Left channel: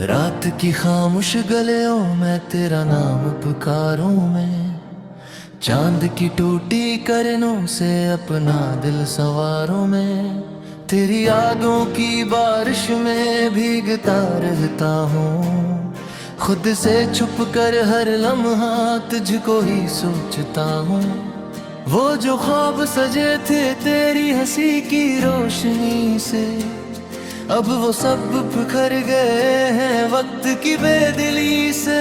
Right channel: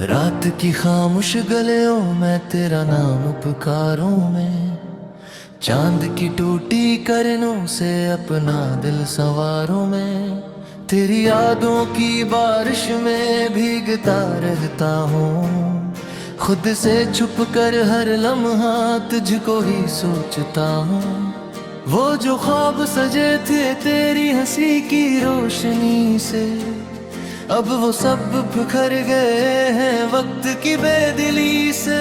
रात की खामोश गलियों में तेरा नाम पुकारूं मैं, चांद की टूटी करनों से अपना दिल संवारूं मैं। तेरी यादों की बारिश में भीगता रहता हूँ, खुद से छुप कर हर लम्हा तुझको ही सोचता हूँ। वो जो ख्वाब सजे थे तेरी हंसी की रोशनी से, अब वो सब बिखर गए हैं वक्त की बेदिली से।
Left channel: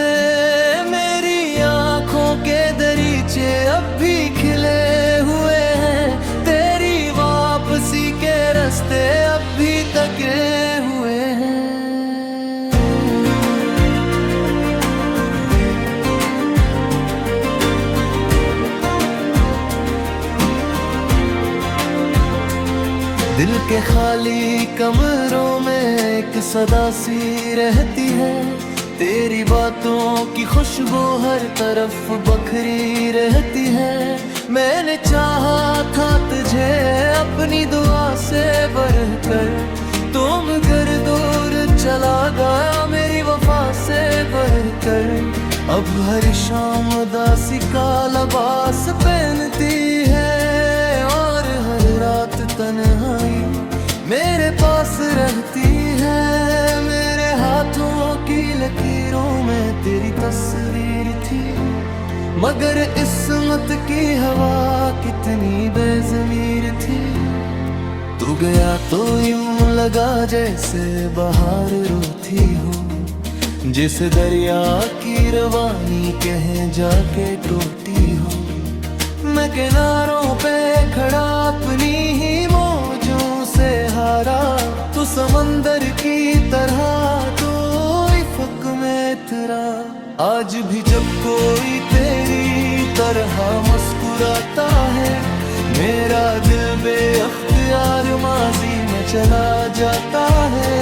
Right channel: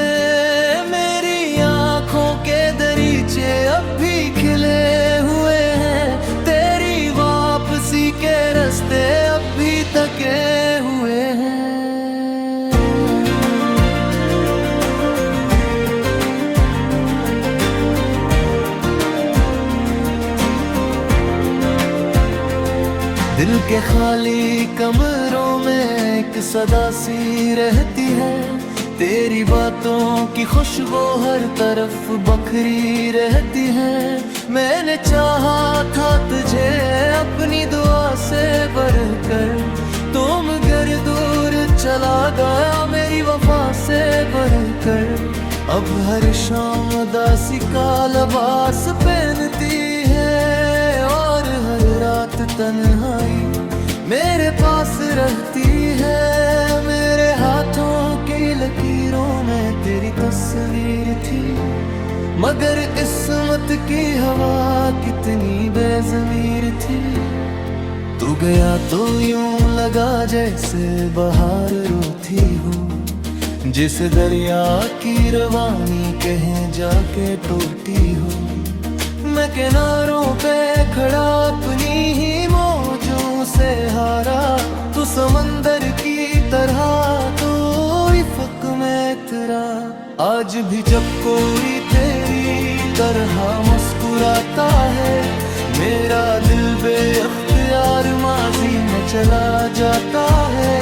मेरी आंखों के दरीचे अब भी खिले हुए हैं, तेरी वापसी के रास्ते अब भी तके हुए हैं। दिल के खाली कमरों में एक सदा सी रहती है, तेरी बातों की खुशबू हर तरफ बखरी रहती है। मैंने चाहा था तुझे अपनी दुआ से बढ़कर, तुम घर दूर चला गया मेरी वफा से बढ़कर। अब हर शाम उदासी का लिबास पहनती है, और हर रात तन्हाई मेरे पास रहती है। मेरे हाथों की लकीरों में तेरी तस्वीर थी, मगर किस्मत की हवा कितनी बेज़मीर थी। तू गया तो यूं लगा जैसे बहार रोती हो, जिस दरिया की रवानी कहीं जाके टूटी हो। मैं किनारों पे खड़ा अपनी ही मौजों से हारा, तू समंदर की तरह तो इफ़क में तेरा। आज भी जब कोई तेरी तरह मुस्कुराता है, मेरा दिल बेअख्तियार माजी में चला जाता है।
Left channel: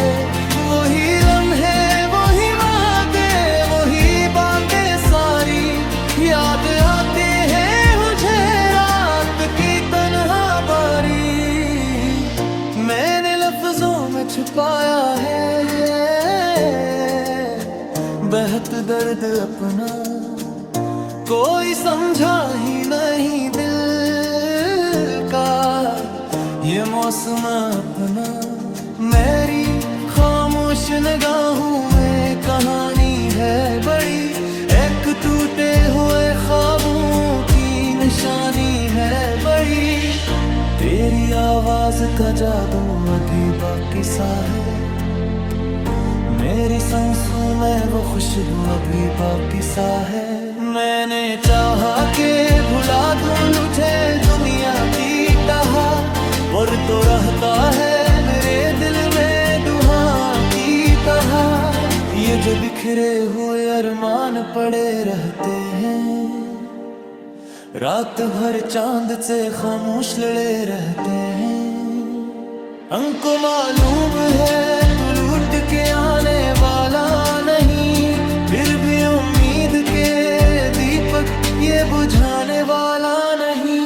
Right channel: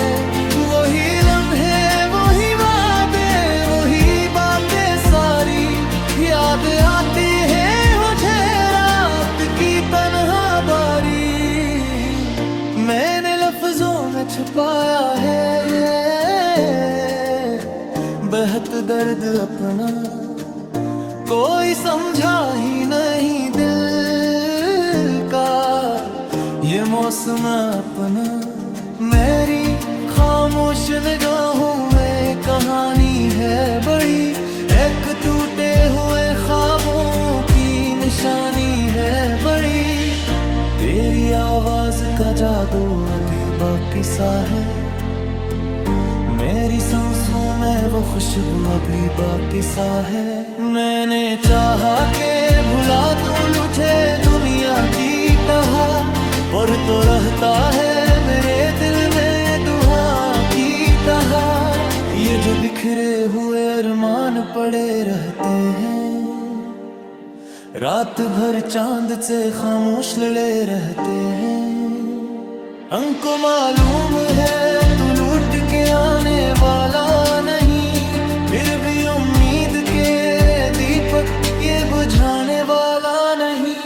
वही लम्हे वही वादे वही बातें सारी याद आती है मुझे रात की तन्हा बारी। मैंने लफ्जों में छुपाया है बेहद दर्द अपना, कोई समझा ही नहीं दिल का ये मौसम अपना। मेरी खामोश निगाहों में कहानी है बड़ी, एक टूटे हुए ख्वाबों की निशानी है बड़ी। तेरी आवाज का जादू अभी बाकी सा है, मेरी सांसों में वो खुशबू अभी बाकी सा है। मैंने चाहा के भुला दूं लुटे दुनिया की टहा, पर तो रहता है मेरे दिल में दुआ की टहा। ये जो बिखरे हुए अरमान पड़े रहते हैं, रात भर चांद से खामोश लड़े रहते हैं। हमको मालूम है तू लूट के आने वाला नहीं, फिर भी उम्मीद के दीपक ये बुझाने वाला नहीं।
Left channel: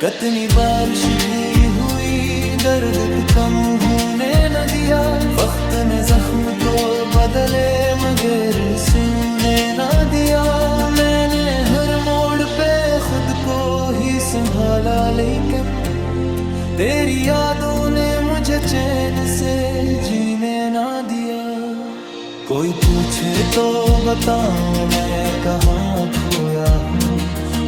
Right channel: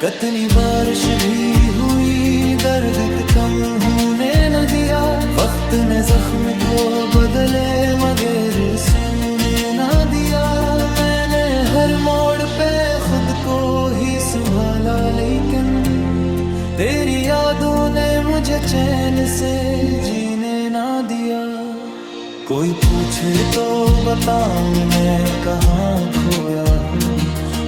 कितनी बारिश भी हुई दर्द कम होने न दिया, वक्त ने जख्म को बदले मगर सोने न दिया। मैंने हर मोड़ पे खुद को ही संभाला, लेकिन तेरी यादों ने मुझे चैन से जीने ना दिया। कोई पूछे तो बताऊं मैं कहाँ खोया हूँ,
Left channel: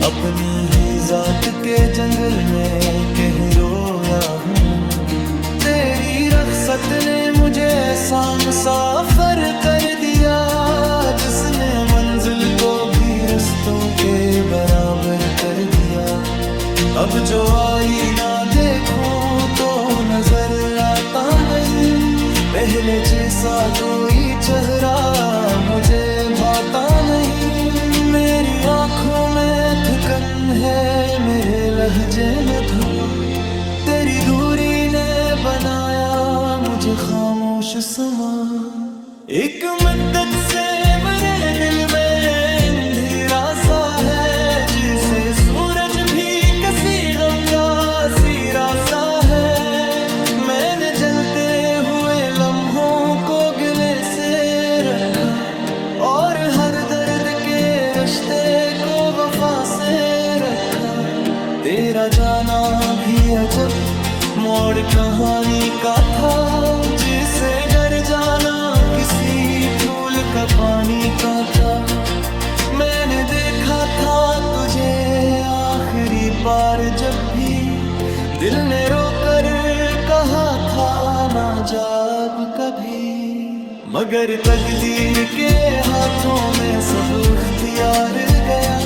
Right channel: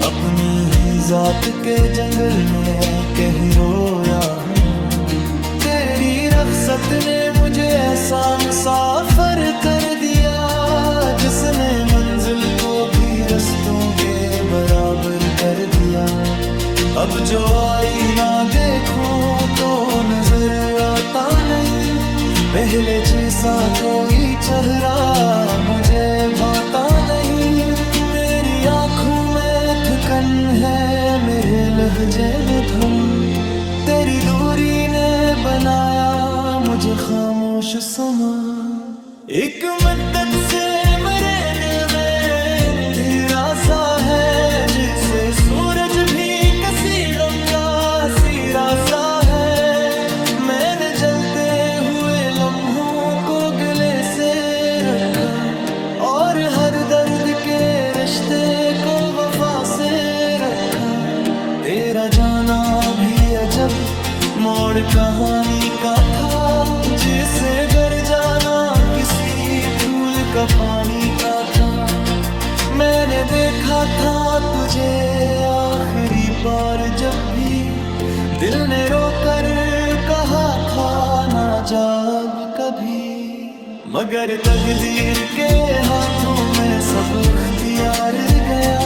अपनी ही जात के जंगल में कहीं रोया हूँ। तेरी रख्सत ने मुझे ऐसा मुसाफिर कर दिया, जिसने मंजिल को भी रस्तों के बराबर कर दिया। अब जो आईना देखो तो नजर आता नहीं, पहले जैसा कोई चेहरा मुझे भाता नहीं। मेरी आंखों में थकन है, मेरे लहजे में धुआं, तेरी दूरी ने बनाया मुझे खामोश समा। एक मुद्दत से मेरे दिल में अंधेरा सा है, जिसे सूरज भी किसी गम का सिरा सा है। मैंने जलते हुए लम्हों को गले से रखा, और हर दर्द के रिश्ते को वफा से रखा। तेरा जाना भी अजब मोड़ कहानी का था, जिसे घर जाना किसी फूल का पानी का था। मैंने देखा था तुझे आखिरी बार जब भी दिल ने रोकर कहा था ना जा अब कभी। मगर तकदीर के हाथों में सब इख्तियार गया,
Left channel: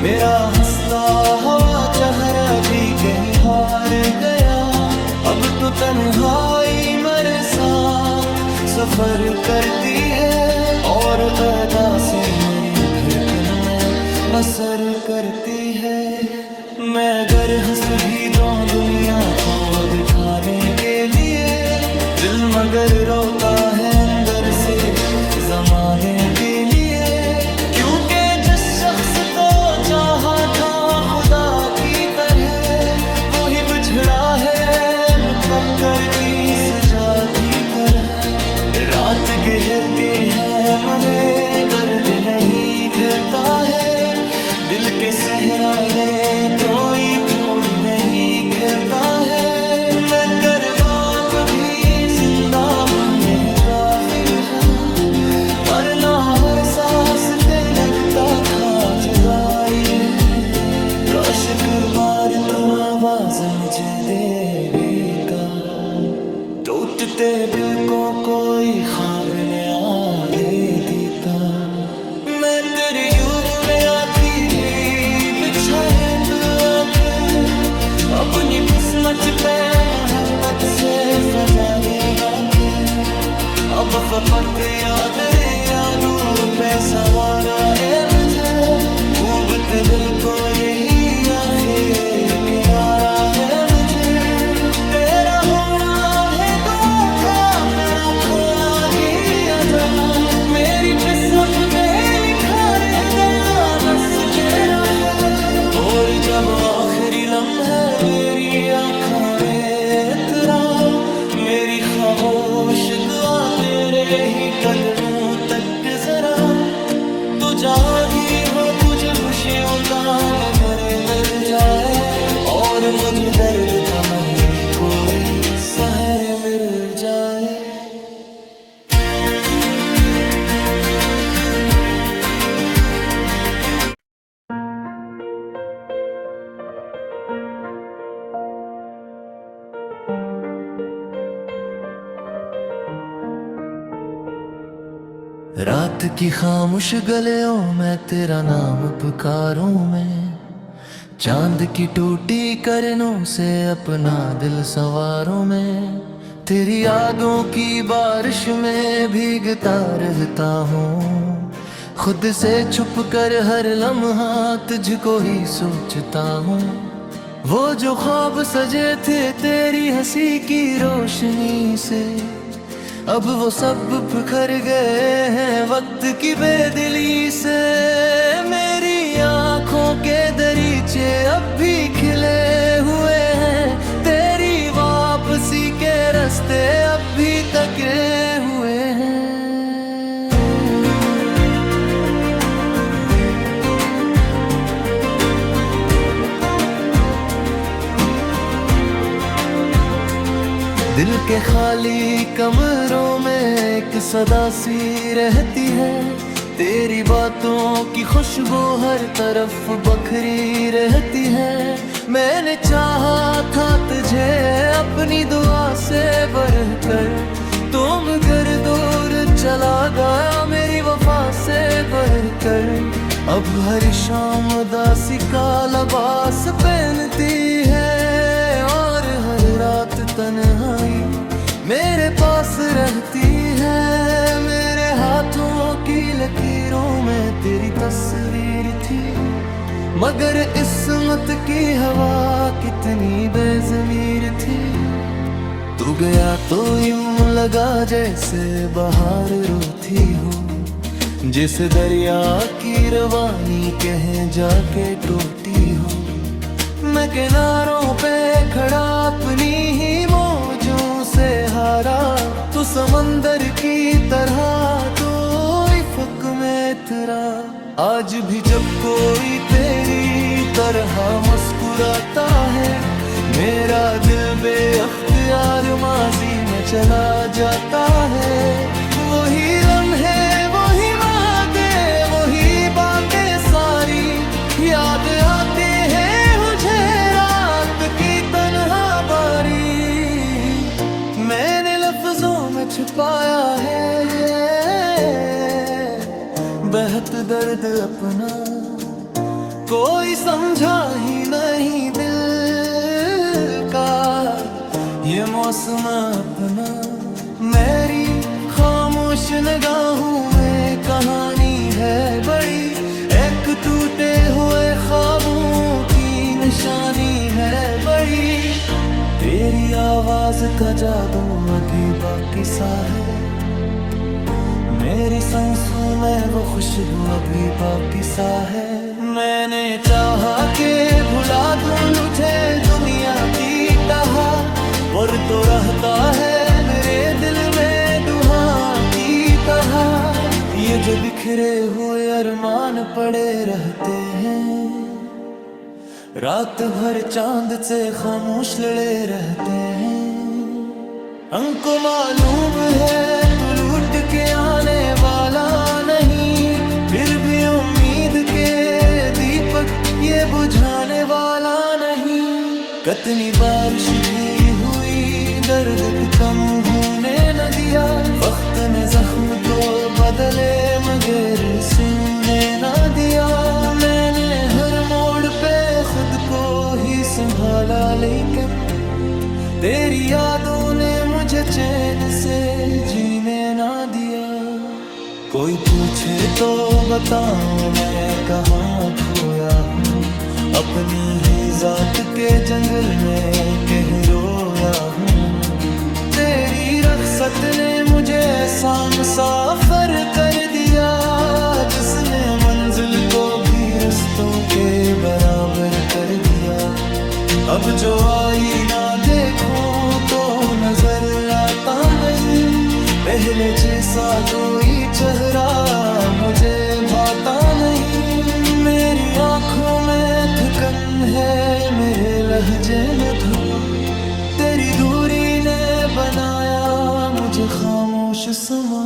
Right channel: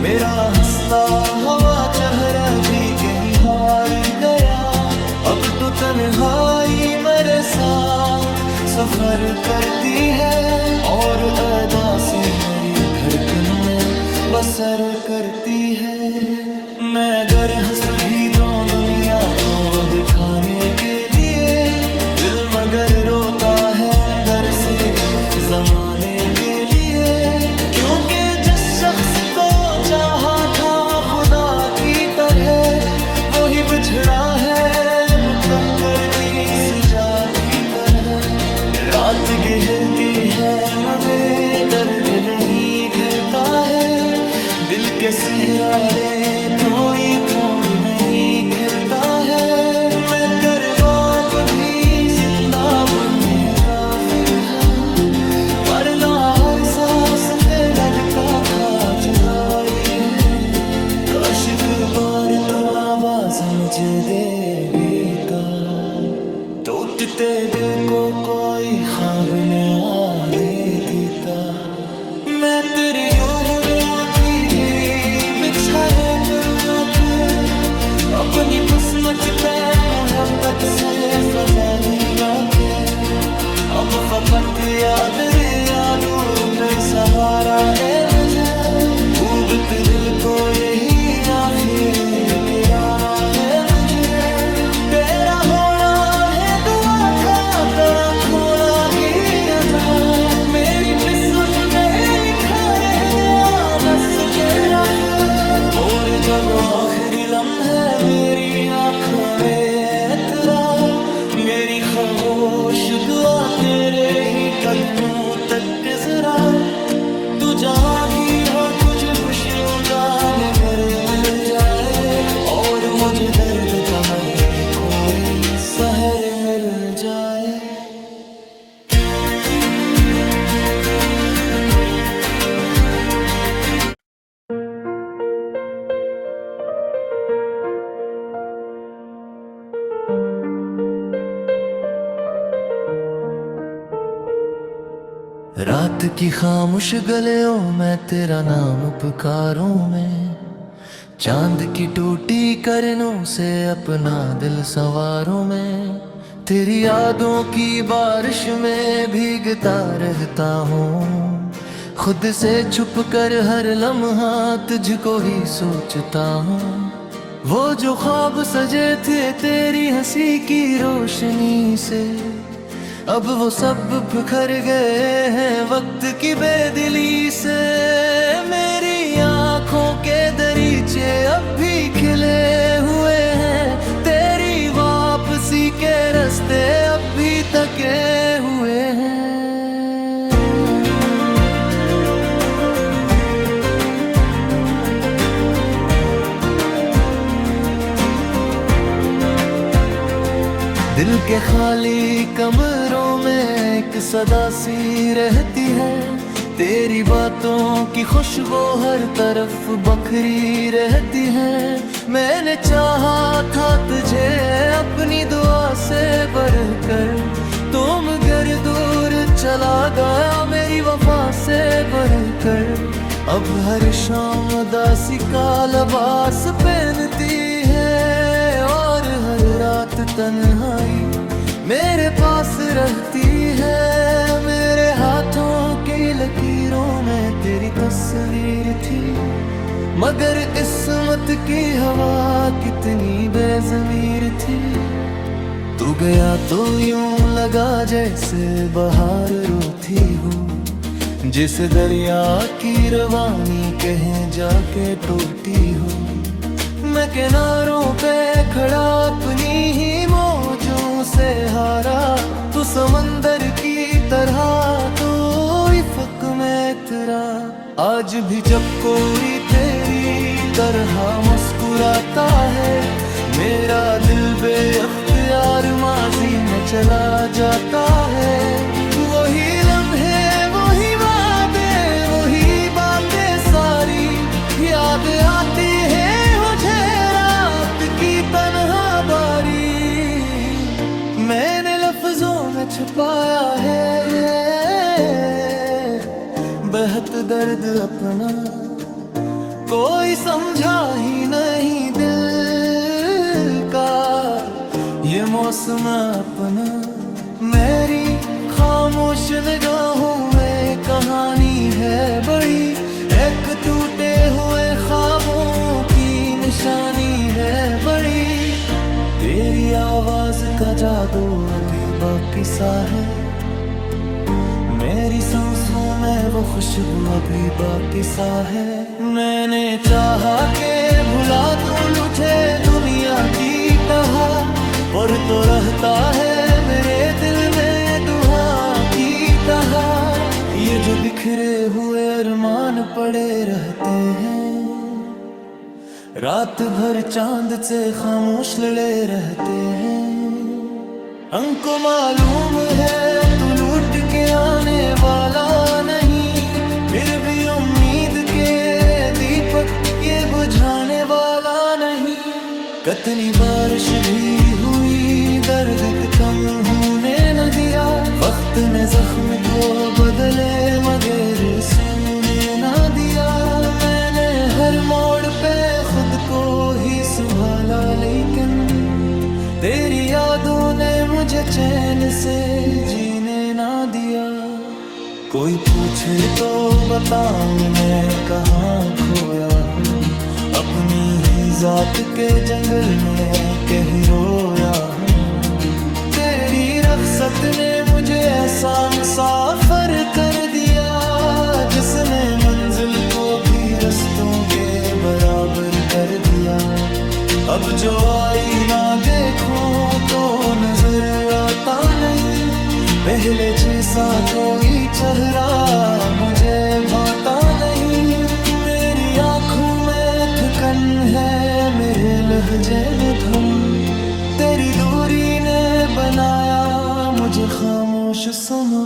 मेरा हंसता हुआ चेहरा भी कहीं हार गया। अब तो तन्हाई मेरे साथ सफर करती है, और अदासी मेरी धड़कन में बसर करती है। मैं अगर हंस भी दूं दुनिया को दिखाने के लिए, दिल मगर रोता है अंदर से जमाने के लिए। क्योंकि जिस शख्स को चाहा था खुदा की तरह, वो ही बिछड़ा है मुकद्दर की सजा की तरह। रात गहर के है मगर दर्द नहीं खिलता है, दिल के सहराले तो ये फूल नहीं खिलता है। मैं करबाब भी जिंदा बुल्लरी काफी है, पर ना हर सांस पे लगता था जुदाई है। काश एक बार तो आवाज मुझे देगा, टूटते दिल को कोई ख्वाब नया दे देता। मैं तेरी यूं बुले आँखी भी बिछा ले तो अपनी किस्मत पे मोहब्बत से फजाली लाके। अब फपत याद यादू पे सहारा ए मुझे, डूबत दिल को यही आखिर किनारा है मुझे। तेरा होना है दुआ का, तेरा खोना गिया जा, मेरी किस्मत पे लिखा रह गया बस तेरा फिर। और जब आखिरी लम्हे मेरी आँखों में तेरा, मेरी खामोश दुआ तेरे ही कदमों तक जरा। तू जागी हो तुझे खुशियों का नजर मिल जाए, और मुझे दर्द का मन कोई सहर मिल जाए। रात की खामोश गलियों में तेरा नाम पुकारूं मैं, चांद की टूटी करनों से अपना दिल संवारूं मैं। तेरी यादों की बारिश में भीगता रहता हूँ, खुद से छुप कर हर लम्हा तुझको ही सोचता हूँ। वो जो ख्वाब सजे थे तेरी हंसी की रोशनी से, अब वो सब बिखर गए हैं वक्त की बेदिली से। मेरी आँखों के दरीचे अब भी खिले हुए हैं, तेरी वापसी के रास्ते अब भी तके हुए हैं। दिल के खाली कमरों में एक सदा सी रहती है, तेरी बातों की खुशबू हर तरफ बखरी रहती है। मैंने चाहा था तुझे अपनी दुआ से बढ़कर, तुम घर दूर चला गया मेरी वफा से बढ़कर। अब हर शाम उदासी का लिबास पहनती है, और हर रात तन्हाई मेरे पास रहती है। मेरे हाथों की लकीरों में तेरी तस्वीर थी, मगर इस्मत की हवा कितनी बेज़मीर थी। तू गया तो यूं लगा जैसे बहार रोती हो, जिस दरिया की रवानी कहीं जाके टूटी हो। मैं किनारों पे खड़ा अपनी ही मौजों से हारा, तू समंदर की तरह तो इफ़क में इतरा। आज भी जब कोई तेरी तरह मुस्कुराता है, मेरा दिल बेअख्तियार माजी में चला जाता है। वही लम्हे, वही वादे, वही बातें सारी याद आती है मुझे रात की तन्हा बारी। मैंने लफ्जों में छुपाया है बेहद दर्द अपना, कोई समझा ही नहीं दिल का ये मौसम अपना। मेरी खामोश निगाहों में कहानी है बड़ी, एक टूटे हुए ख्वाबों की निशानी है बड़ी। तेरी आवाज का जादू अभी बाकी सा है, मेरी सांसों में वो खुशबू अभी बाकी सा है। मैंने चाहा के भुला दूं लुटे दुनिया की टहा, पर तो रहता है मेरे दिल में दुआ की तरह। ये जो बिखरे हुए अरमान पड़े रहते हैं, रात भर चांद से खामोश लड़े रहते हैं। हमको मालूम है तू लूट के आने वाला नहीं, फिर भी उम्मीद के दीपक ये बुझाने वाला नहीं। कितनी बारिश भी हुई दर्द कम होने न दिया, वक्त ने जख्म तो बदले मगर सोने न दिया। मैंने हर मोड़ पे खुद को ही संभाला, लेकिन तेरी यादों ने मुझे चैन से जीने ना दिया। कोई पूछे तो बताऊं मैं कहाँ खोया हूँ, अपनी ही जात के जंगल में कहीं रोया हूँ। तेरी रख्सत ने मुझे ऐसा मुसाफिर कर दिया, जिसने मंजिल को भी रस्तों के बराबर कर दिया। अब जो आईना देखो तो नजर आता नहीं, पहले जैसा कोई चेहरा मुझे भाता नहीं। मेरी आंखों में थकन है, मेरे लहजे में धुआं, तेरी दूरी ने बनाया मुझे खामोश समा।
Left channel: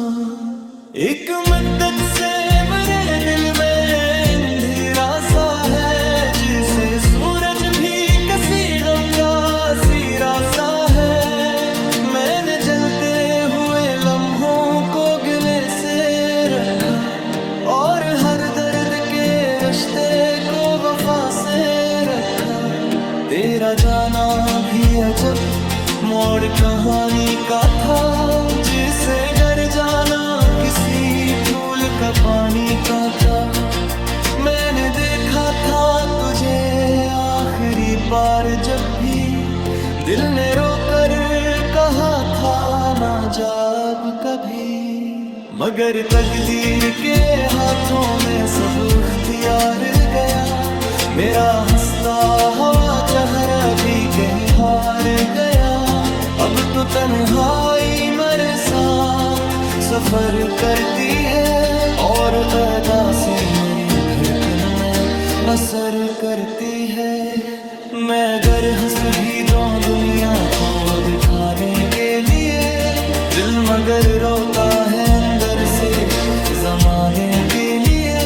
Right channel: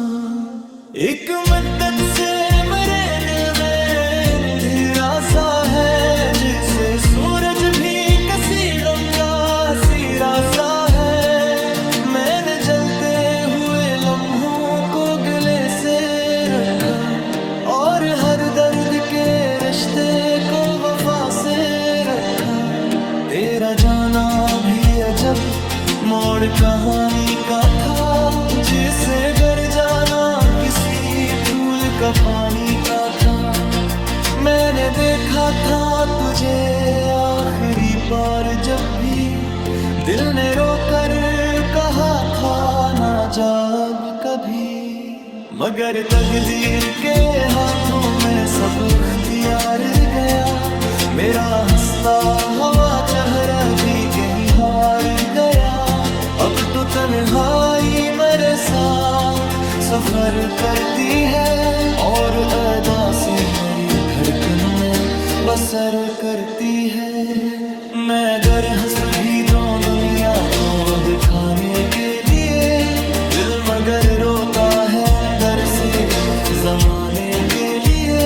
एक मद्दत से मेरे दिल में अंधेरा सा है, जिसे सूरज भी किसी गम का सिरा सा है। मैंने जलते हुए लम्हों को गले से रखा, और हर दर्द के रिश्ते को वफा से रखा। तेरा जाना भी अजब मोड़ कहानी का था, जिसे घर जाना किसी फूल का पानी का था। मैंने देखा था तुझे आखिरी बार जब भी दिल ने रोकर कहा था ना जा अब कभी। मगर तकदीर के हाथों में सब इख्तियार गया, मेरा हंसता हवा चेहरा भी कहीं हार गया। अब तो तन्हाई मेरे साथ सफर करती है, और अदासी मेरी धड़कन में बसर करती है। मैं अगर हंस भी दूं दुनिया को दिखाने के लिए, दिल मगर रोता है अंदर से जमाने के लिए।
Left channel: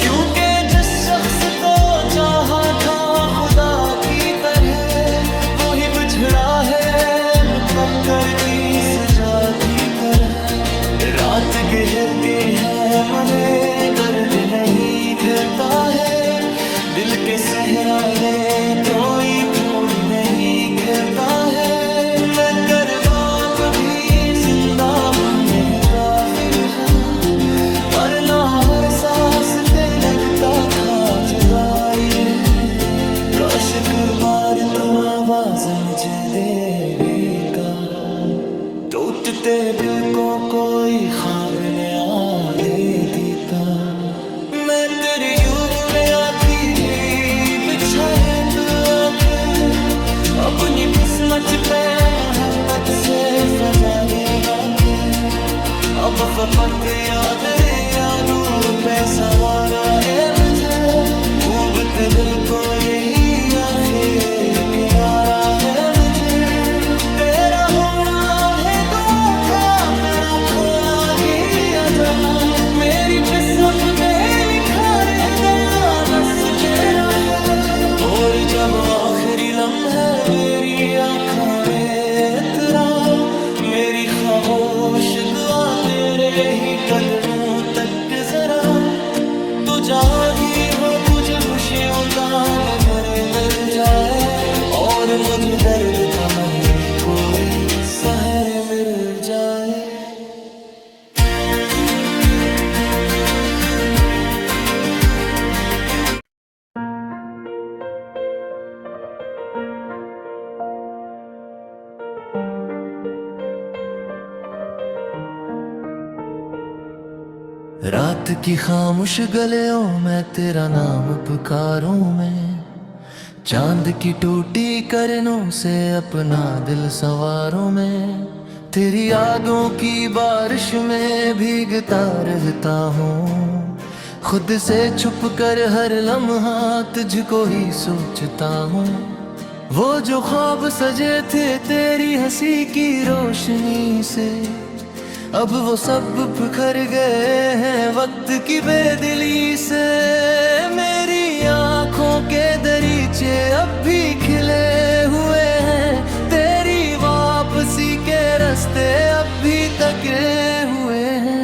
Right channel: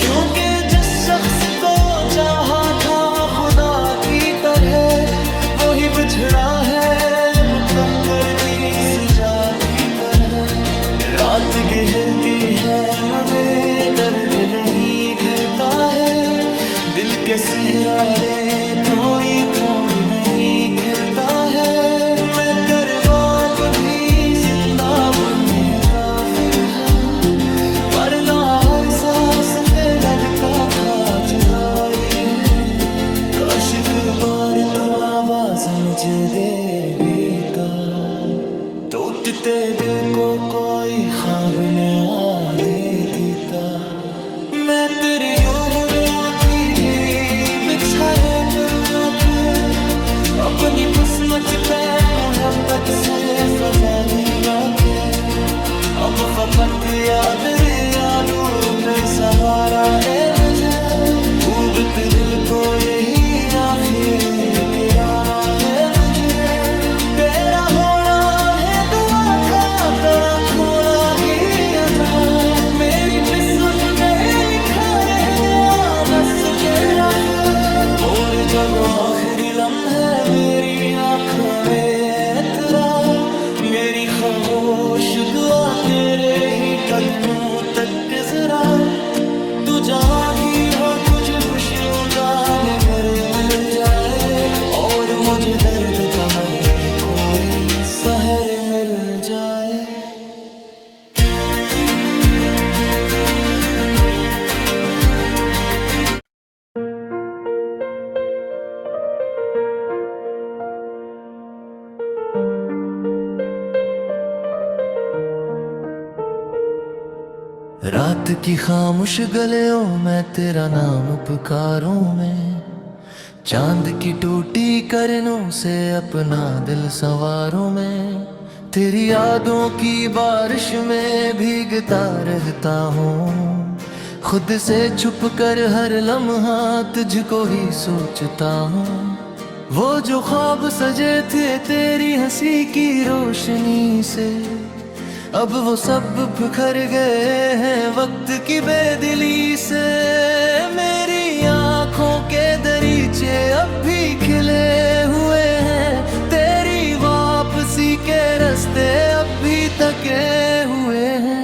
क्योंकि जिस शख्स को चाहा था खुदा की तरह, वो ही बिछड़ा है मुकद्दर की सजा की तरह। रात गहर के है मगर दर्द नहीं खिलता है, दिल के सहराले तो ये फूल नहीं खिलता है। मैं करबाब भी जिंदा बुल्लरी काफी है, पर ना हर सांस पे लगता था जुदाई है। काश एक बार तो आवाज मुझे देगा, टूटते दिल को कोई ख्वाब नया दे देता। मैं तेरी यूं बुले आँखी भी बिछ अच्छा है तो या फिर अपनी किस्मत पे मोहब्बत से फजाली लाके अब फपट याद यादू पे सहारा ए मुझे डूबत दिल को यही आखिर किनारा है मुझे तेरा होना है दुआ का तेरा खोला गया जा मेरी किस्मत पे लिखा रह गया बस तेरा फिर और जब आखिरी लम्हे मेरी आँखों में तेरा मेरी खामोश दुआ तेरे ही कदमों तक जरा तू जहाँ ही हो तुझे खुशियों का निबर मिल जाए और मुझे दर्द का मन कोई सहर मिल जाए। रात की खामोश गलियों में तेरा नाम पुकारूं मैं चांद की टूटी करनों से अपना दिल संवारूं मैं तेरी यादों की बारिश में भीगता रहता हूँ खुद से छुप कर हर लम्हा तुझको ही सोचता हूँ वो जो ख्वाब सजे थे तेरी हंसी की रोशनी से अब वो सब बिखर गए हैं वक्त की बेदिली से मेरी आँखों के दरीचे अब भी खिले हुए हैं तेरी वापसी के रास्ते अब भी तके हुए हैं।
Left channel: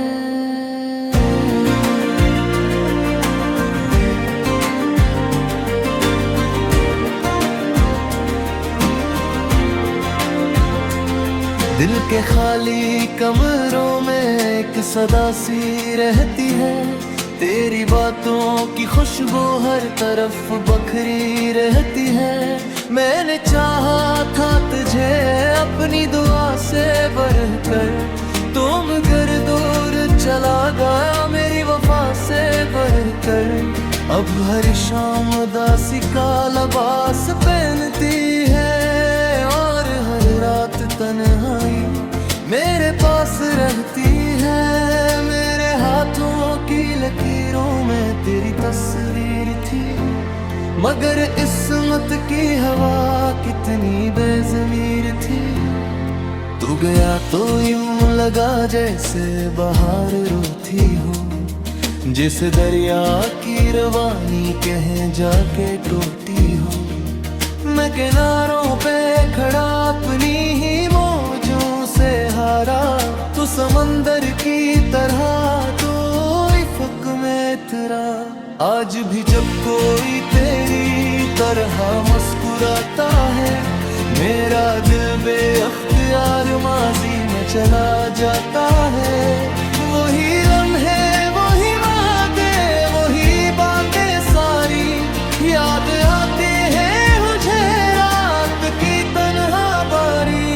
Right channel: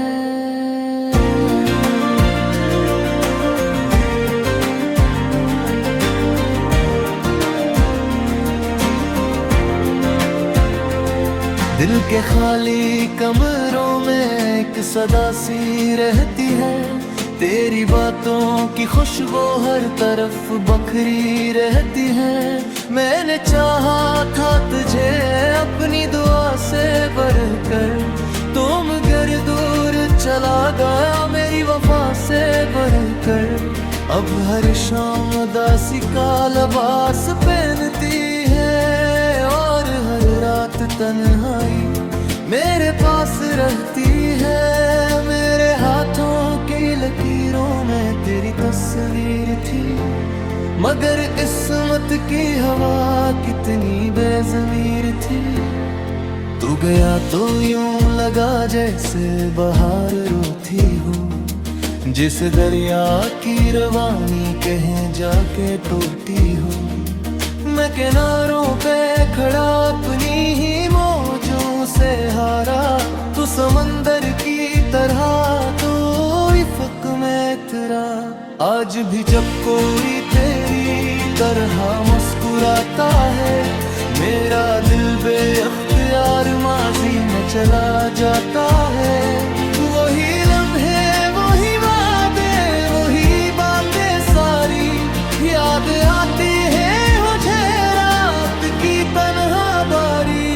दिल के खाली कमरों में एक सदा सी रहती है तेरी बातों की खुशबू हर तरफ बखरी रहती है मैंने चाहा था तुझे अपनी दुआ से बढ़कर तुम घर दूर चला गया मेरी वफा से बढ़कर अब हर शाम दासी का लिबास पहनती है और हर रात तन्हाई मेरे पास रहती है मेरे हाथों की लकीरों में तेरी तस्वीर थी मगर इस्मत की हवा कितनी बेज़मीर थी तू गया तो यूं लगा जैसे बहार रोती हो जिस दरिया की रवानी कहीं जाके टूटी हो मैं किनारों पे खड़ा अपनी ही मौजों से हारा तू समंदर की तरह तो इफ़क में तेरा आज भी जब कोई तेरी तरह मुस्कुराता है मेरा दिल बेअख्तियार माजी में चला जाता है वही लम्हे वही वादे वही बातें सारी याद आती है मुझे रात की तन्हा बारी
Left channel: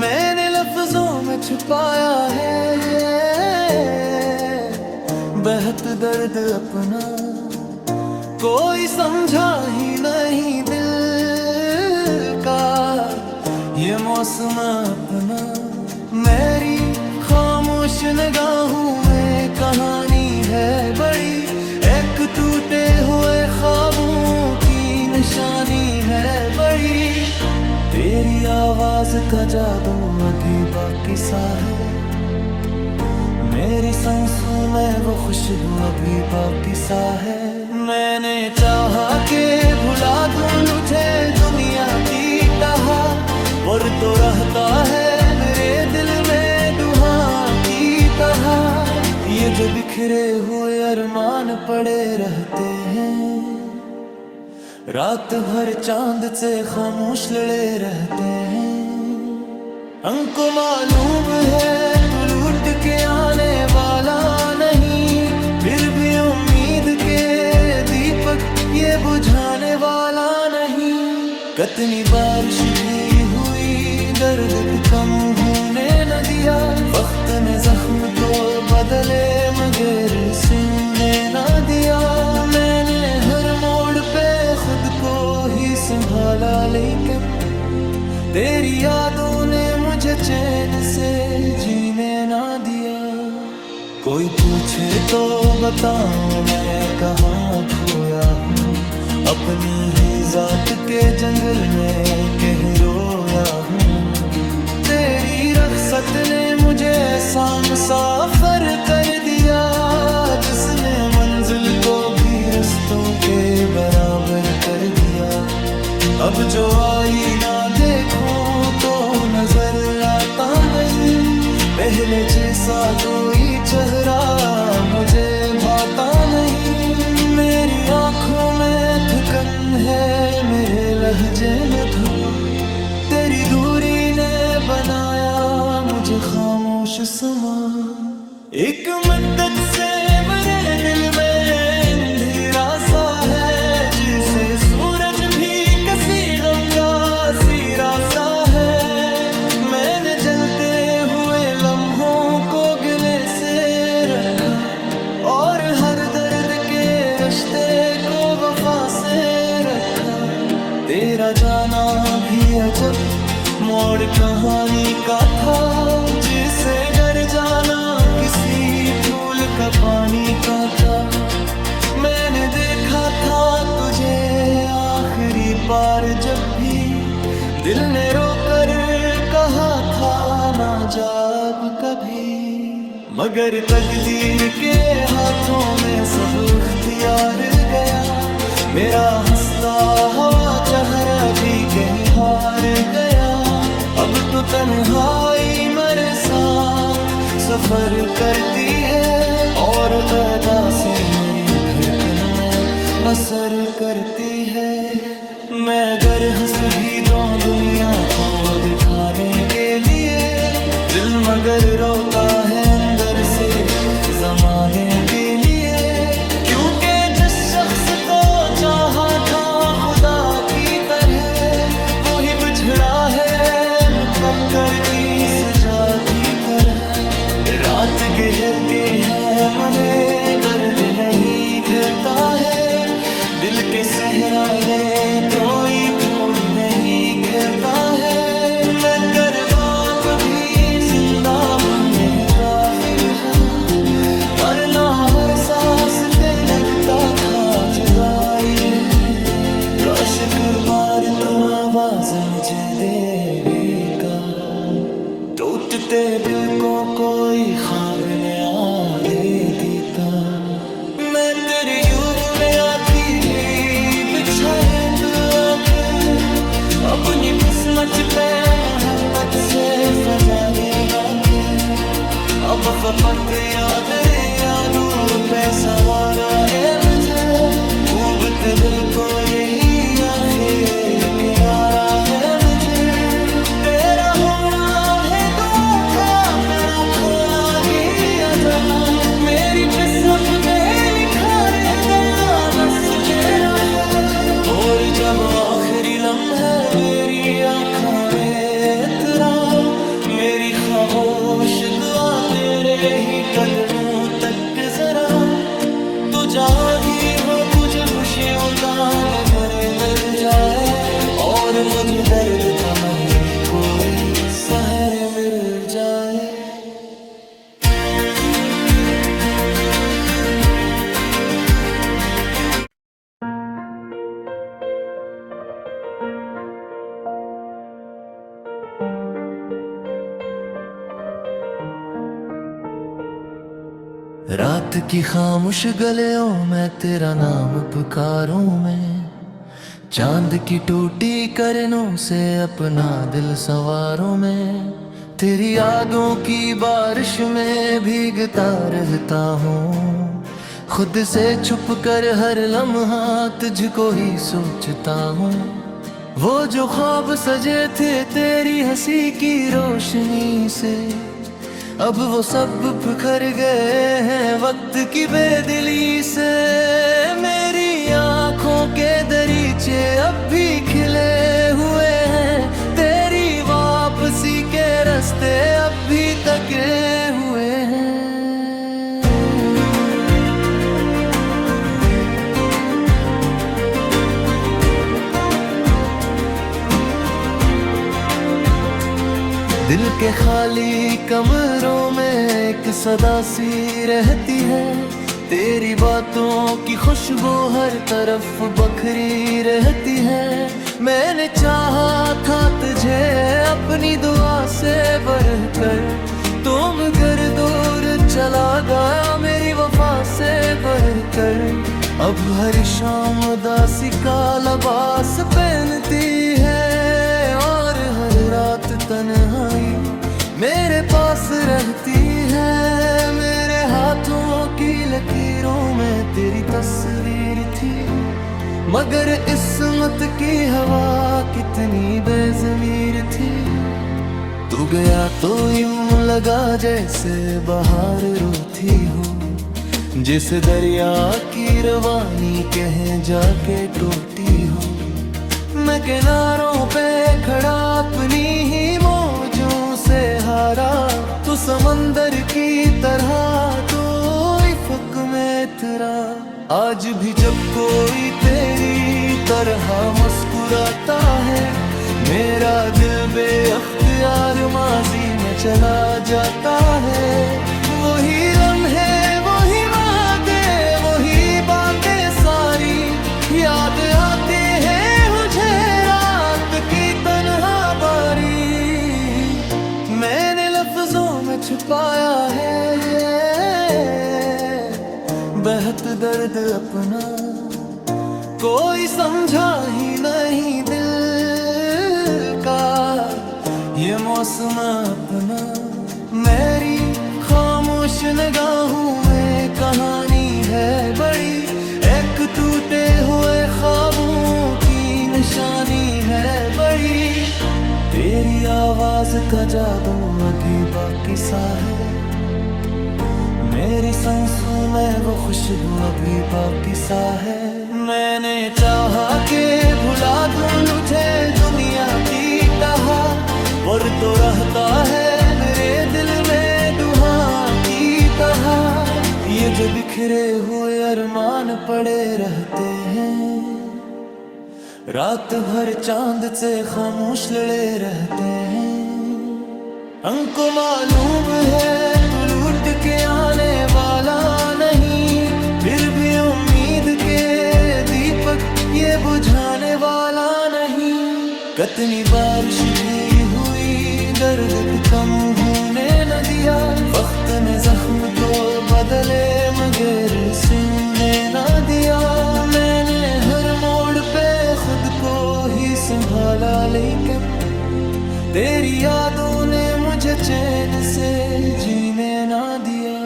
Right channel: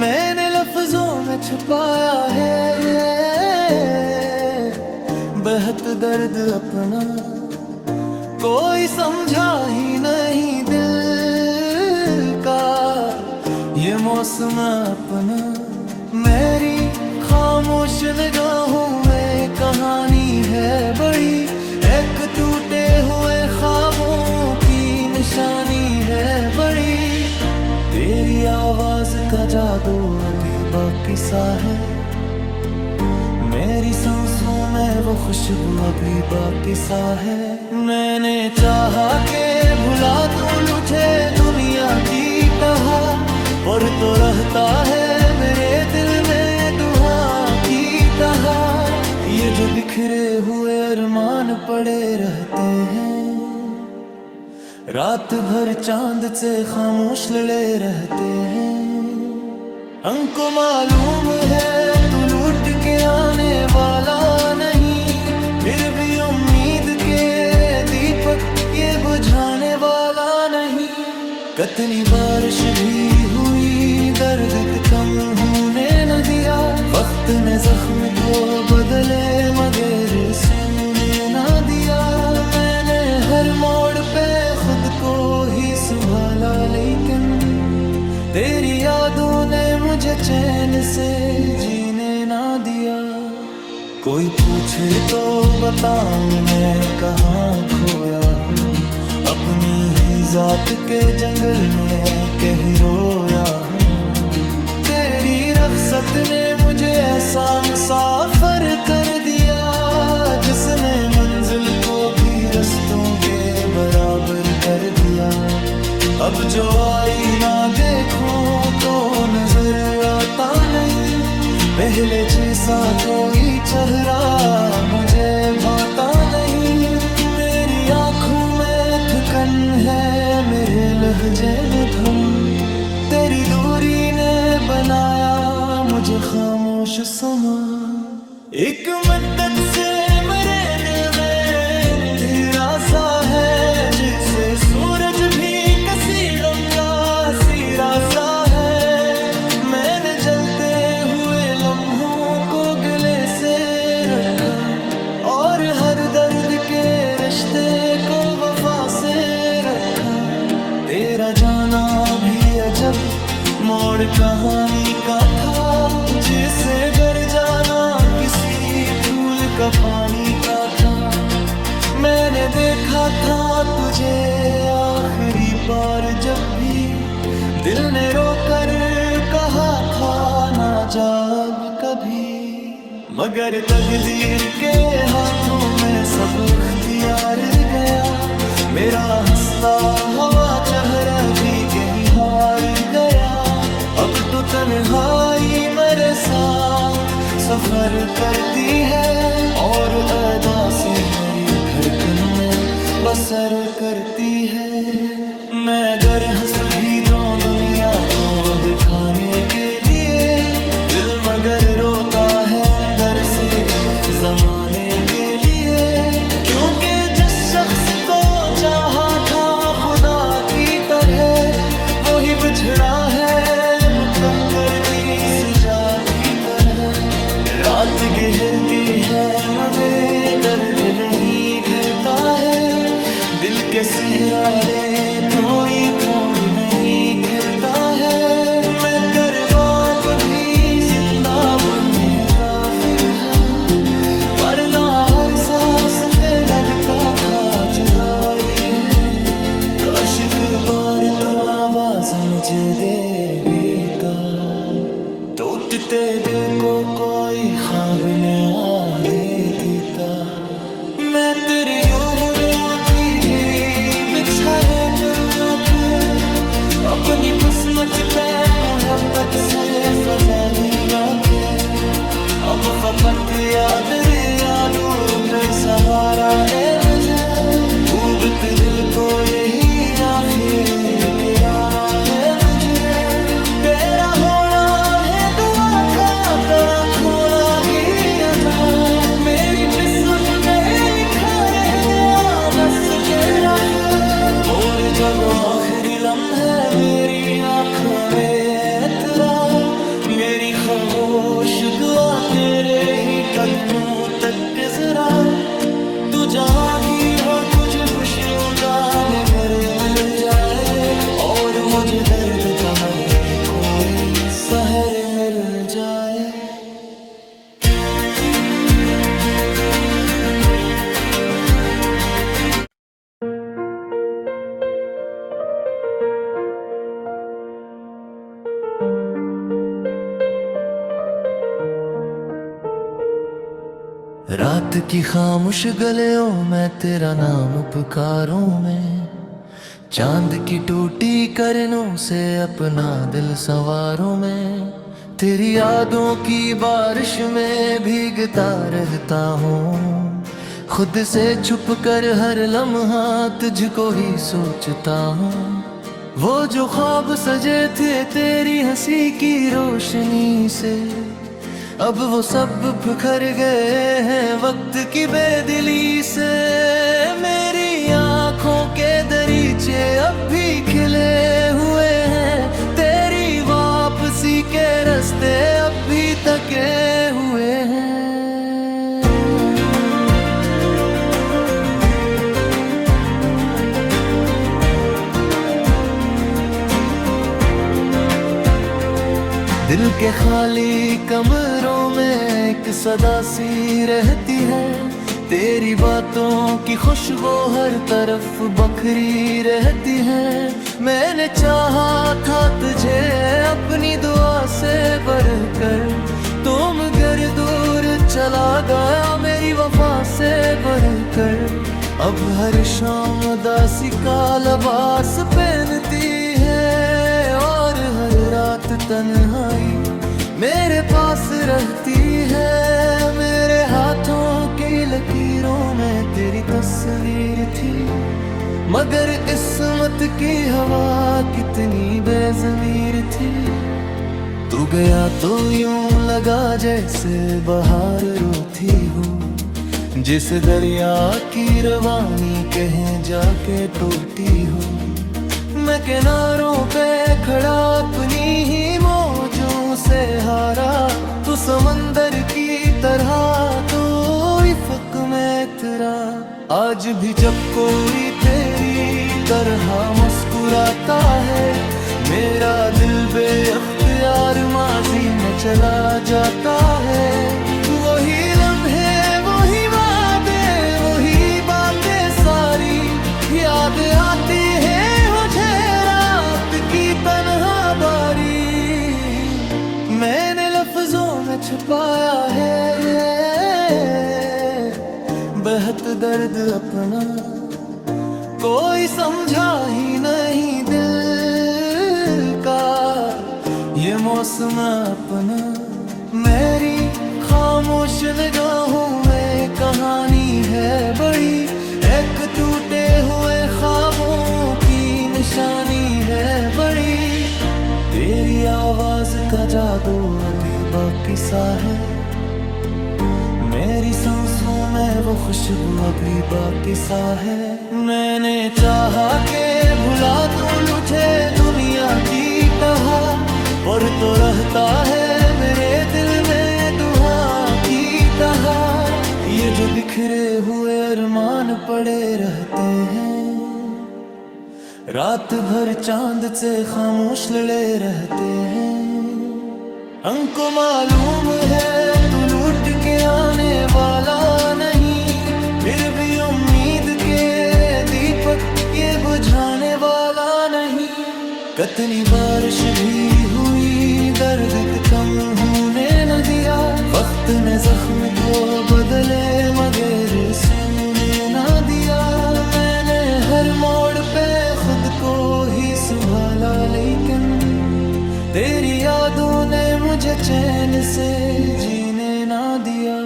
मैंने लफ्जों में छुपाया है बेहद दर्द अपना कोई समझा ही नहीं दिल का ये मौसम अपना मेरी खामोश निगाहों में कहानी है बड़ी एक टूटे हुए ख्वाबों की निशानी है बड़ी तेरी आवाज का जादू अभी बाकी सा है मेरी सांसों में वो खुशबू अभी बाकी सा है मैंने चाहा के भुला दूं लुटे दुनिया की टहा पर तो रहता है मेरे दिल में दुआ की टहा ये जो बिखरे हुए अरमान पड़े रहते हैं रात भर चांद से खामोश लड़े रहते हैं हमको मालूम है तू लूट के आने वाला नहीं फिर भी उम्मीद के दीपक ये बुझाने वाला नहीं कितनी बारिश भी हुई दर्द कम होने न दिया वक्त ने जख्म तो बदले मगर सोने न दिया मैंने हर मोड़ पे ही संभाला, लेकिन तेरी यादों ने मुझे चैन से जीने ना दिया। कोई पूछे तो बताऊं मैं कहाँ खोया हूँ, अपनी ही जात के जंगल में कहीं रोया हूँ। तेरी रख्सत ने मुझे ऐसा मुसाफिर कर दिया, जिसने मंजिल को भी रस्तों के बराबर कर दिया। अब जो आईना देखूं तो नजर आता नहीं, पहले जैसा कोई चेहरा मुझे भाता नहीं। मेरी आंखों में थकन है, मेरे लहजे में धुन, तेरी दूरी ने बनाया मुझे खामोश समा। एक मुद्दत से मेरे दिल में अंधेरा सा है, जिसे सूरज भी किसी गम का सिरा सा है। मैंने जलते हुए लम्हों को गले से रखा, और हर दर्द के रिश्ते को वफा से रखा। तेरा जाना भी अजब मोड़ कहानी का था, जिसे घर जाना किसी फूल का पानी का था। मैंने देखा था तुझे आखिरी बार जब भी दिल ने रोकर कहा था ना जा अब कभी। मगर तकदीर के हाथों में सब इख्तियार गया, मेरा हंसता हवा चेहरा भी कहीं हार गया। अब तो तन्हाई मेरे साथ सफर करती है, और अदासी मेरी धड़कन में बसर करती है। मैं अगर हंस भी दूं दुनिया को दिखाने के लिए, दिल मगर रोता है अंदर से जमाने के लिए। क्योंकि जिस शख्स को चाहा था खुदा की तरह, वो ही बिछड़ा है मुकद्दर की सजा की तरह। रात गहर के है मगर दर्द नहीं खिलता है, दिल के सहराले तो ये फूल नहीं खिलता है। मैं तरबाब भी जिंदा बुल्लरी काफी है, पर ना हर सांस पे लगता था जुदाई है। काश एक बार तो आवाज मुझे देगा, टूटते दिल को कोई ख्वाब नया दे देता। मैं तेरी यूं बुले आँखी भी बिछाए तो आके, अपनी किस्मत पे मोहब्बत से फजाली लाके। अब फपत याद यादू पे सहारा ए मुझे, डूबत दिल को यही आखिर किनारा है मुझे। तेरा होना है दुआ का, तेरा खोला गया जा, मेरी किस्मत पे लिखा रह गया दस तेरा फिर। और जब आखिरी लम्हे मेरी आँखों में तेरा, मेरी खामोश दुआ तेरे ही कदमों तक जरा। तू जहाँ ही हो तुझे खुशियों का नज़र मिल जाए, और मुझे दर्द का मन कोई सहर मिल जाए। रात की खामोश गलियों में तेरा नाम पुकारूं मैं, चांद की टूटी करनों से अपना दिल संवारूं मैं। तेरी यादों की बारिश में भीगता रहता हूँ, खुद से छुप कर हर लम्हा तुझको ही सोचता हूँ। वो जो ख्वाब सजे थे तेरी हंसी की रोशनी से, अब वो सब बिखर गए हैं वक्त की बेदिली से। मेरी आंखों के दरीचे अब भी खिले हुए हैं, तेरी वापसी के रास्ते अब भी तके हुए हैं। दिल के खाली कमरों में एक सदा सी रहती है, तेरी बातों की खुशबू हर तरफ बखरी रहती है। मैंने चाहा था तुझे अपनी दुआ से बढ़कर, तुम घर दूर चला गया मेरी वफा से बढ़कर। अब हर शाम उदासी का लिबास पहनती है और हर रात तन्हाई मेरे पास रहती है। मेरे हाथों की लकीरों में तेरी तस्वीर थी, मगर किस्मत की हवा कितनी बेज़मीर थी। तू गया तो यूं लगा जैसे बहार रोती हो, जिस दरिया की रवानी कहीं जाके टूटी हो। मैं किनारों पे खड़ा अपनी ही मौजों से हारा, तू समंदर की तरह तो इफ़क में तेरा। आज भी जब कोई तेरी तरह मुस्कुराता है, मेरा दिल बेअख्तियार माजी में चला जाता है। वही लम्हे वही वादे वही बातें सारी याद आती है मुझे रात की तन्हा बारी। मैंने लफ्जों में छुपाया है बेहद दर्द अपना, कोई समझा ही नहीं दिल का ये मौसम अपना। मेरी खामोश निगाहों में कहानी है बड़ी, एक टूटे हुए ख्वाबों की निशानी है बड़ी। तेरी आवाज का जादू अभी बाकी सा है, मेरी सांसों में वो खुशबू अभी बाकी सा है। मैंने चाहा के भुला दूं लुटे दुनिया की टहा, पर तो रहता है मेरे दिल में दुआ की टहा। ये जो बिखरे हुए अरमान पड़े रहते हैं, रात भर चांद से खामोश लड़े रहते हैं। हमको मालूम है तू लूट के आने वाला नहीं, फिर भी उम्मीद के दीपक ये बुझाने वाला नहीं। कितनी बारिश भी हुई दर्द कम होने न दिया, वक्त ने जख्म तो बदले मगर सोने न दिया। मैंने हर मोड़ पे खुद को ही संभाला, लेकिन तेरी यादों ने मुझे चैन से जीने ना दिया।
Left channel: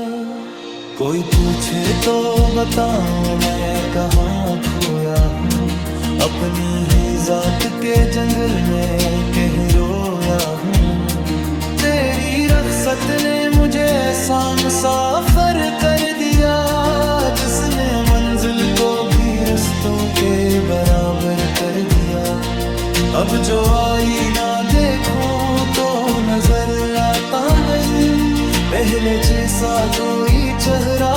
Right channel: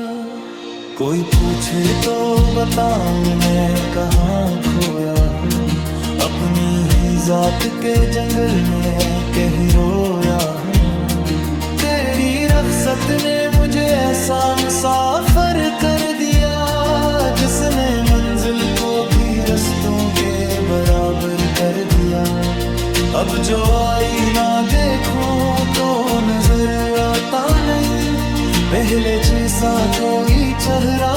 कोई पूछे तो बताऊं मैं कहाँ खोया हूँ, अपनी ही जात के जंगल में कहीं रोया हूँ। तेरी रख्सत ने मुझे ऐसा मुसाफिर कर दिया, जिसने मंजिल को भी रस्तों के बराबर कर दिया। अब जो आईना देखो तो नजर आता नहीं, पहले जैसा कोई चेहरा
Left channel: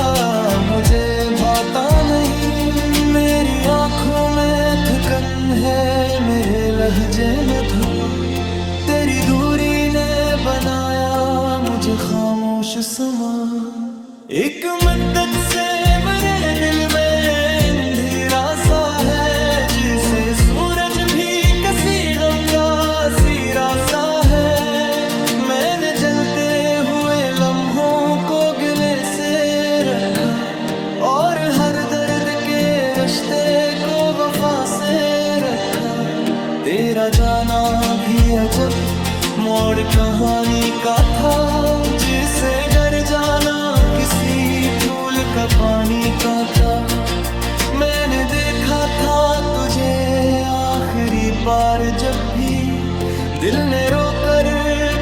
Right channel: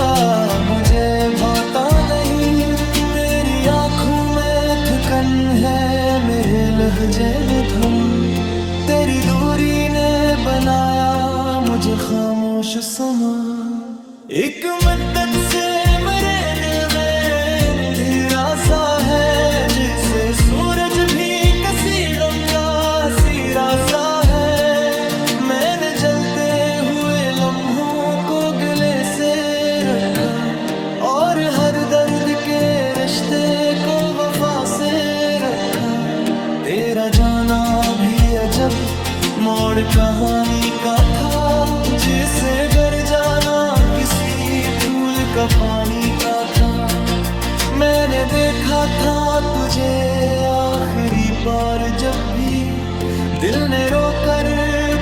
मुझे भाता नहीं। मेरी आंखों में थकन है, मेरे लहजे में धुआं, तेरी दूरी ने बनाया मुझे खामोश समा। एक मद्दत से मेरे दिल में अंधेरा सा है, जिसे सूरज भी किसी गम का सिरा सा है। मैंने जलते हुए लम्हों को गले से रखा, और हर दर्द के रिश्ते को वफा से रखा। तेरा जाना भी अजब मोड़ कहानी का था, जिसे घर जाना किसी फूल का पानी का था। मैंने देखा था तुझे आखिरी बार जब भी दिल ने रोकर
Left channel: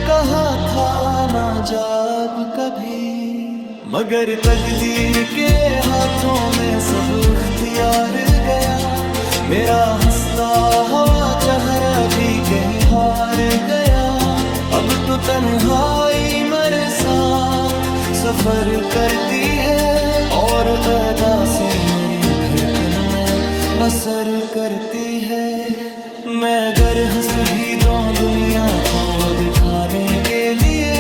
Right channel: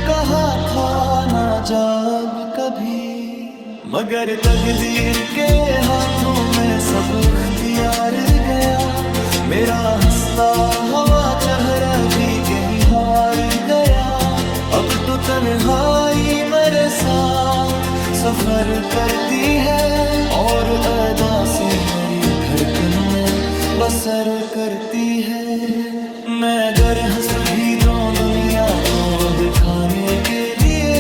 कहा था ना जब कभी। मगर तकदीर के हाथों में सब इख्तियार गया, मेरा हंसता हवा चेहरा भी कहीं हार गया। अब तो तन्हाई मेरे साथ सफर करती है और अदासी मेरी धड़कन में बसर करती है। मैं अगर हंस भी दूं दुनिया को दिखाने के लिए,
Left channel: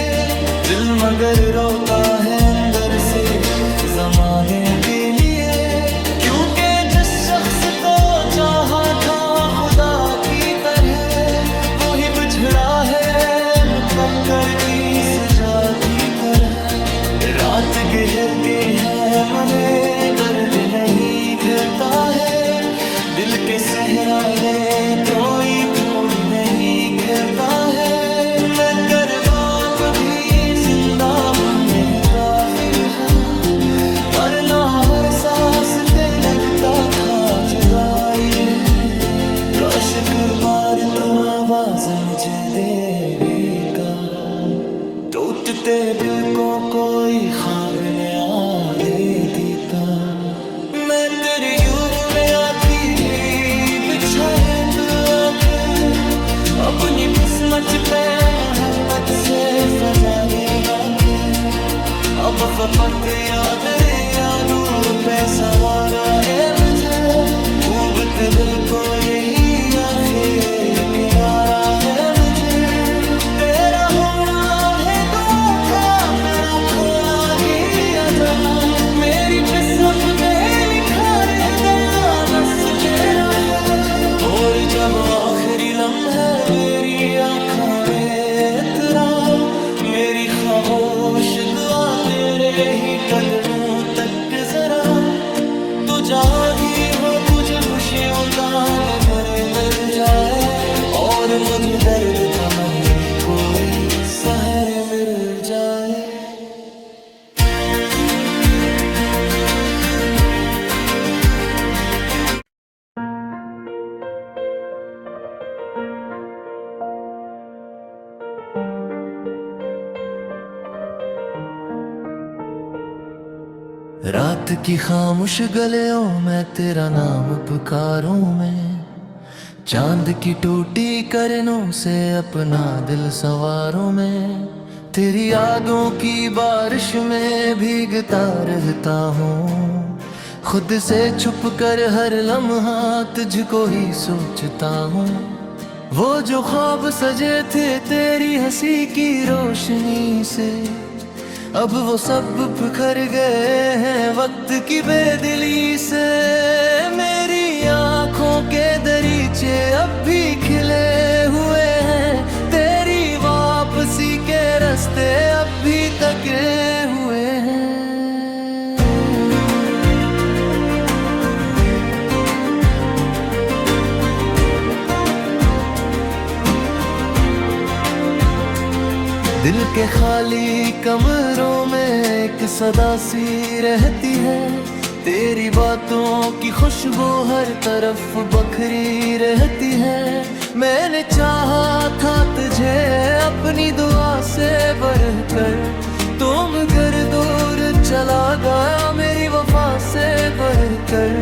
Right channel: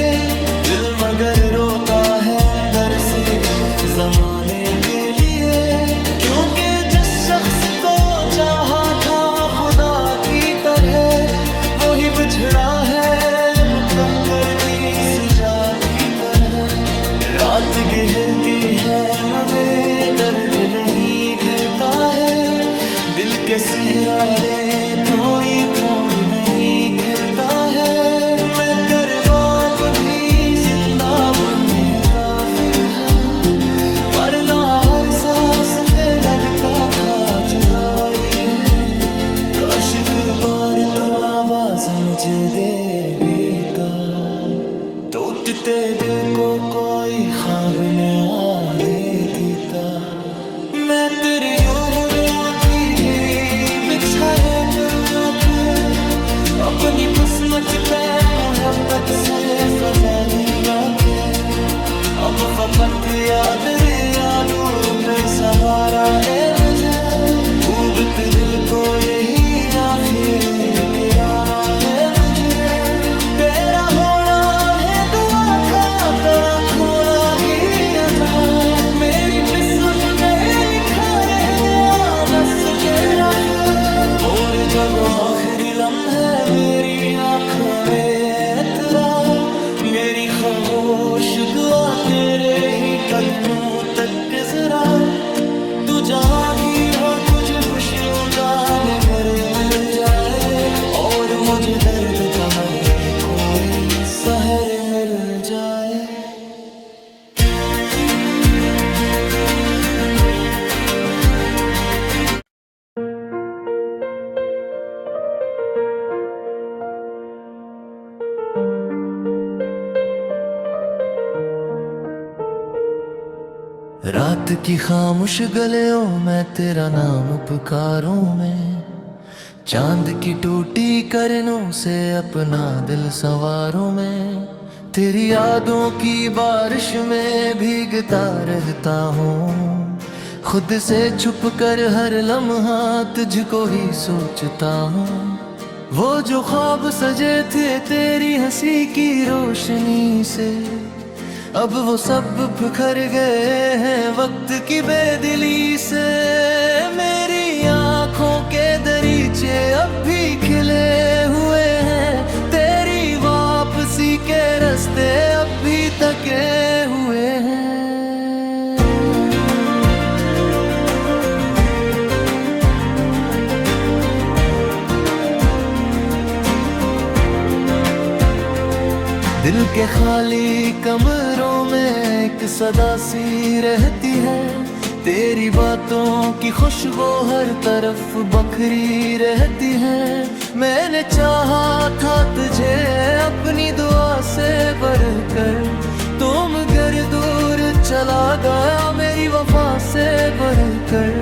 दिल मगर रोता है अंदर से जमाने के लिए। क्योंकि जिस शख्स को चाहा था खुदा की तरह, वो ही बिछड़ा है मुकद्दर की सजा की तरह। रात गहर के है मगर दर्द नहीं खिलता है, दिल के सहरारे तो ये फूल नहीं खिलता है। मैं करबाब भी जिंदा बुल्लरी काफी है, पर ना हर सांस पे लगता खा जुदाई है। काश एक बार तो आवाज मुझे देगा, टूटते दिल को कोई ख्वाब नया दे देता। मैं तेरी यूं बुले आँखी भी बिछाए तो फिर अपनी किस्मत पे मोहब्बत से फजाली लाके। अब फपट याद रे यादू पे सहारा ए मुझे, ऊबत दिल को यही आखिर किनारा है मुझे। तेरा होना है दुआ का, तेरा खोला गया जा, मेरी किस्मत पे लिखा रह गया बस तेरा फिर। और जब आखिरी लम्हे मेरी आँखों में उतरा, मेरी खामोश दुआ तेरे ही कदमों तक जरा। तू जहाँ ही हो तुझे खुशियों का निबर मिल जाए, और मुझे दर्द का मन कोई सहर मिल जाए। रात की खामोश गलियों में तेरा नाम पुकारूं मैं, चांद की टूटी करनों से अपना दिल संवारूं मैं। तेरी यादों की बारिश में भीगता रहता हूँ, खुद से छुप कर हर लम्हा तुझको ही सोचता हूँ। वो जो ख्वाब सजे थे तेरी हंसी की रोशनी से, अब वो सब बिखर गए हैं वक्त की बेदिली से। मेरी आँखों के दरीचे अब भी खिले हुए हैं, तेरी वापसी के रास्ते अब भी तके हुए हैं। दिल के खाली कमरों में एक सदा सी रहती है, तेरी बातों की खुशबू हर तरफ बखरी रहती है। मैंने चाहा था तुझे अपनी दुआ से बढ़कर, तुम घर दूर चला गया मेरी वफा से बढ़कर।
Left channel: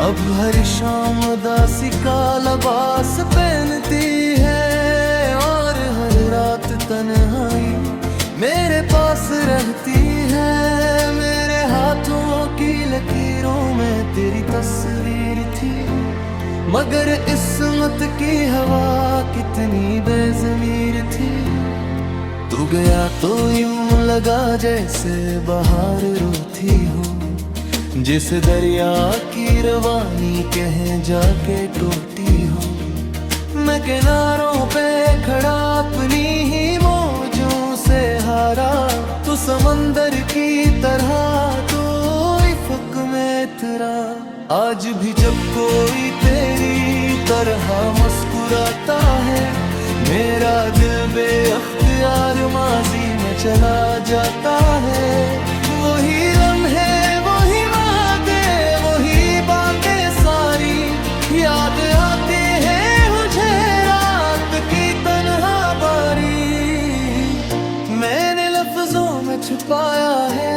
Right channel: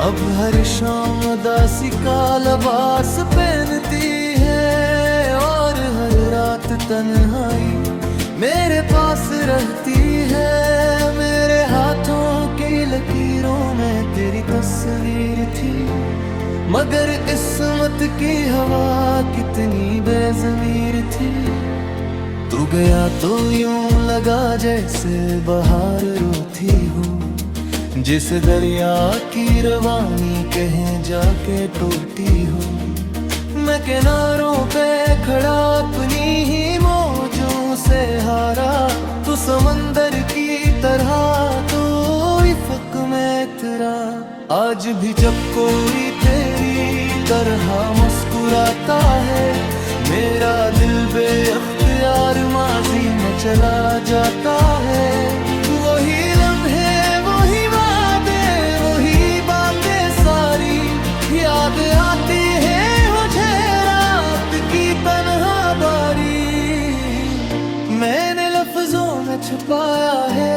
अब हर शाम उदासी का लिबास पहनती है, और हर रात तन्हाई मेरे पास रहती है। मेरे हाथों की लकीरों में तेरी तस्वीर थी, मगर किस्मत की हवा कितनी बेज़मीर थी। तू गया तो यूं लगा जैसे बहार रोती हो, जिस दरिया की रवानी कहीं जाके टूटी हो। मैं किनारों पे खड़ा अपनी ही मौजों से हारा, तू समंदर की तरह तो इफ़क में तेरा। आज भी जब कोई तेरी तरह मुस्कुराता है, मेरा दिल बेअख्तियार माजी में चला जाता है। वही लम्हे वही वादे वही बातें सारी याद आती है मुझे रात की तन्हा बारी। मैंने लफ्जों में छुपाया है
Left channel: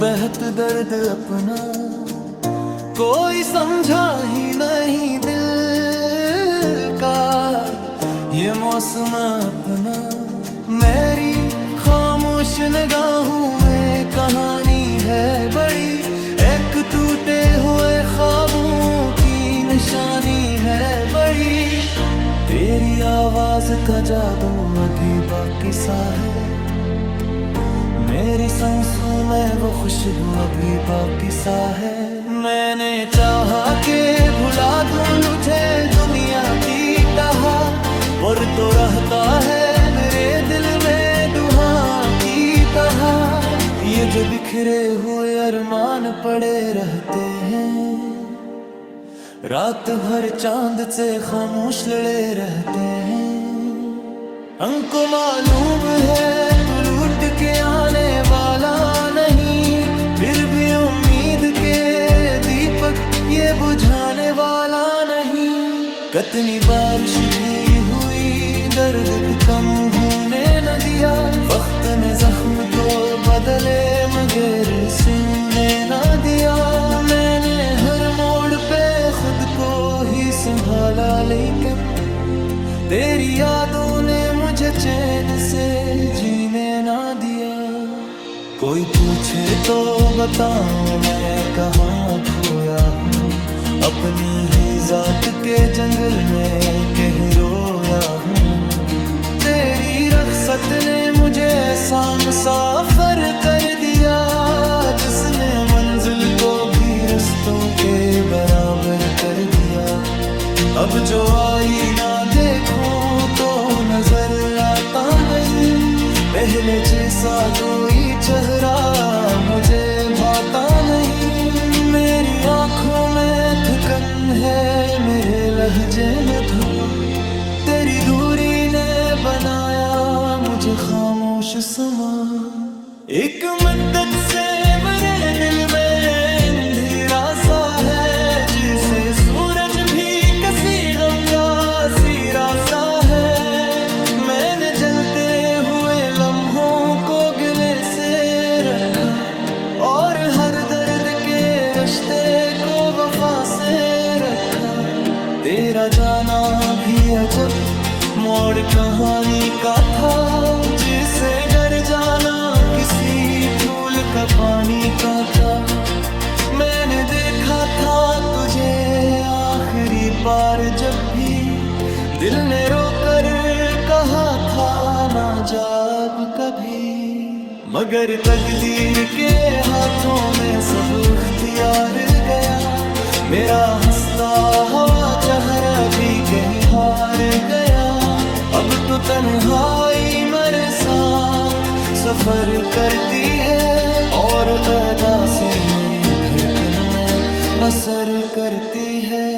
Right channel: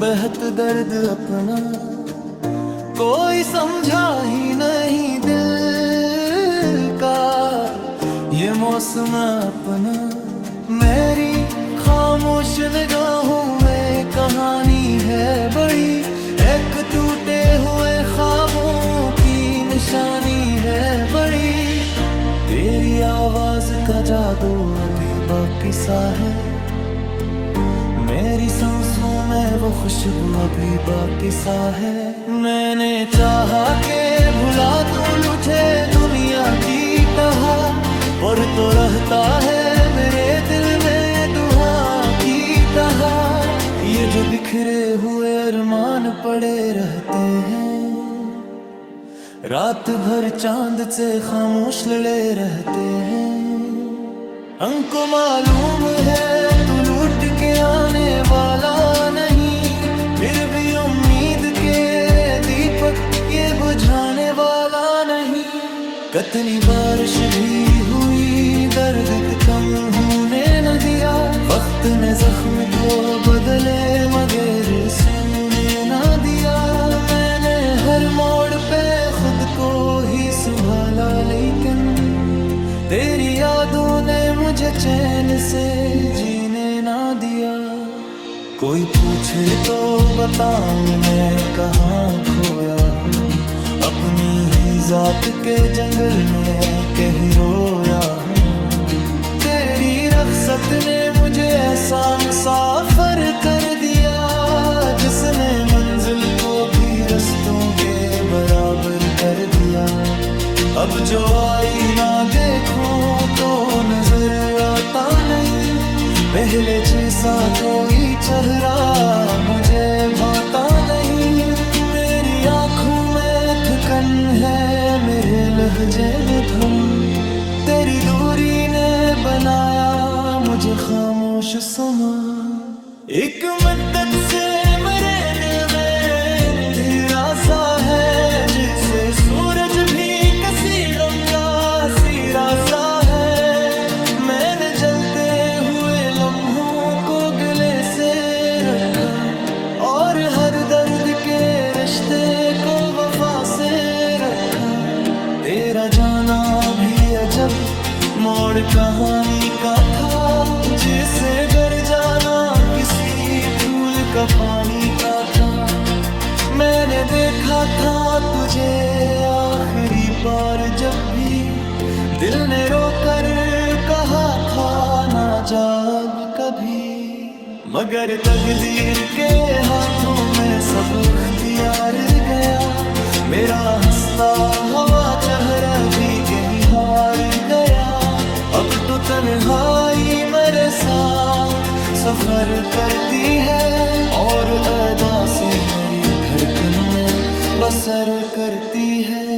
बेहद दर्द अपना, कोई समझा ही नहीं दिल का ये मौसम अपना। मेरी खामोश निगाहों में कहानी है बड़ी, एक टूटे हुए ख्वाबों की निशानी है बड़ी। तेरी आवाज का जादू अभी बाकी सा है, मेरी सांसों में वो खुशबू अभी बाकी सा है। मैंने चाहा के भुला दूं लुटे दुनिया की टहा, पर तो रहता है मेरे दिल में दुआ की तरह। ये जो बिखरे हुए अरमान पड़े रहते हैं, रात भर चांद से खामोश लड़े रहते हैं। हमको मालूम है तू लूट के आने वाला नहीं, फिर भी उम्मीद के दीपक ये बुझाने वाला नहीं। कितनी बारिश भी हुई दर्द कम होने न दिया, वक्त ने जख्म तो बदले मगर सोने न दिया। मैंने हर मोड़ पे खुद को ही संभाला, लेकिन तेरी यादों ने मुझे चैन से जीने ना दिया। कोई पूछे तो बताऊं मैं कहाँ खोया हूँ, अपनी ही जात के जंगल में कहीं रोया हूँ। तेरी रख्सत ने मुझे ऐसा मुसाफिर कर दिया, जिसने मंजिल को भी रस्तों के बराबर कर दिया। अब जो आईना देखो तो नजर आता नहीं, पहले जैसा कोई चेहरा मुझे भाता नहीं। मेरी आंखों में थकन है, मेरे लहजे में धुन, तेरी दूरी ने बनाया मुझे खामोश समा। एक मुद्दत से मेरे दिल में अंधेरा सा है, जिसे सूरज भी किसी गम का सिरा सा है। मैंने जलते हुए लम्हों को गले से रखा, और हर दर्द के रिश्ते को वफा से रखा। तेरा जाना भी अजब मोड़ कहानी का था, जिसे घर जाना किसी फूल का पानी का था। मैंने देखा था तुझे आखिरी बार जब भी दिल ने रोकर कहा था ना जा अब कभी। मगर तकदीर के हाथों में सब इख्तियार गया, मेरा हंसता हुआ चेहरा भी कहीं हार गया। अब तो तन्हाई मेरे साथ सफर करती है, और अदासी मेरी धड़कन में बसर करती है।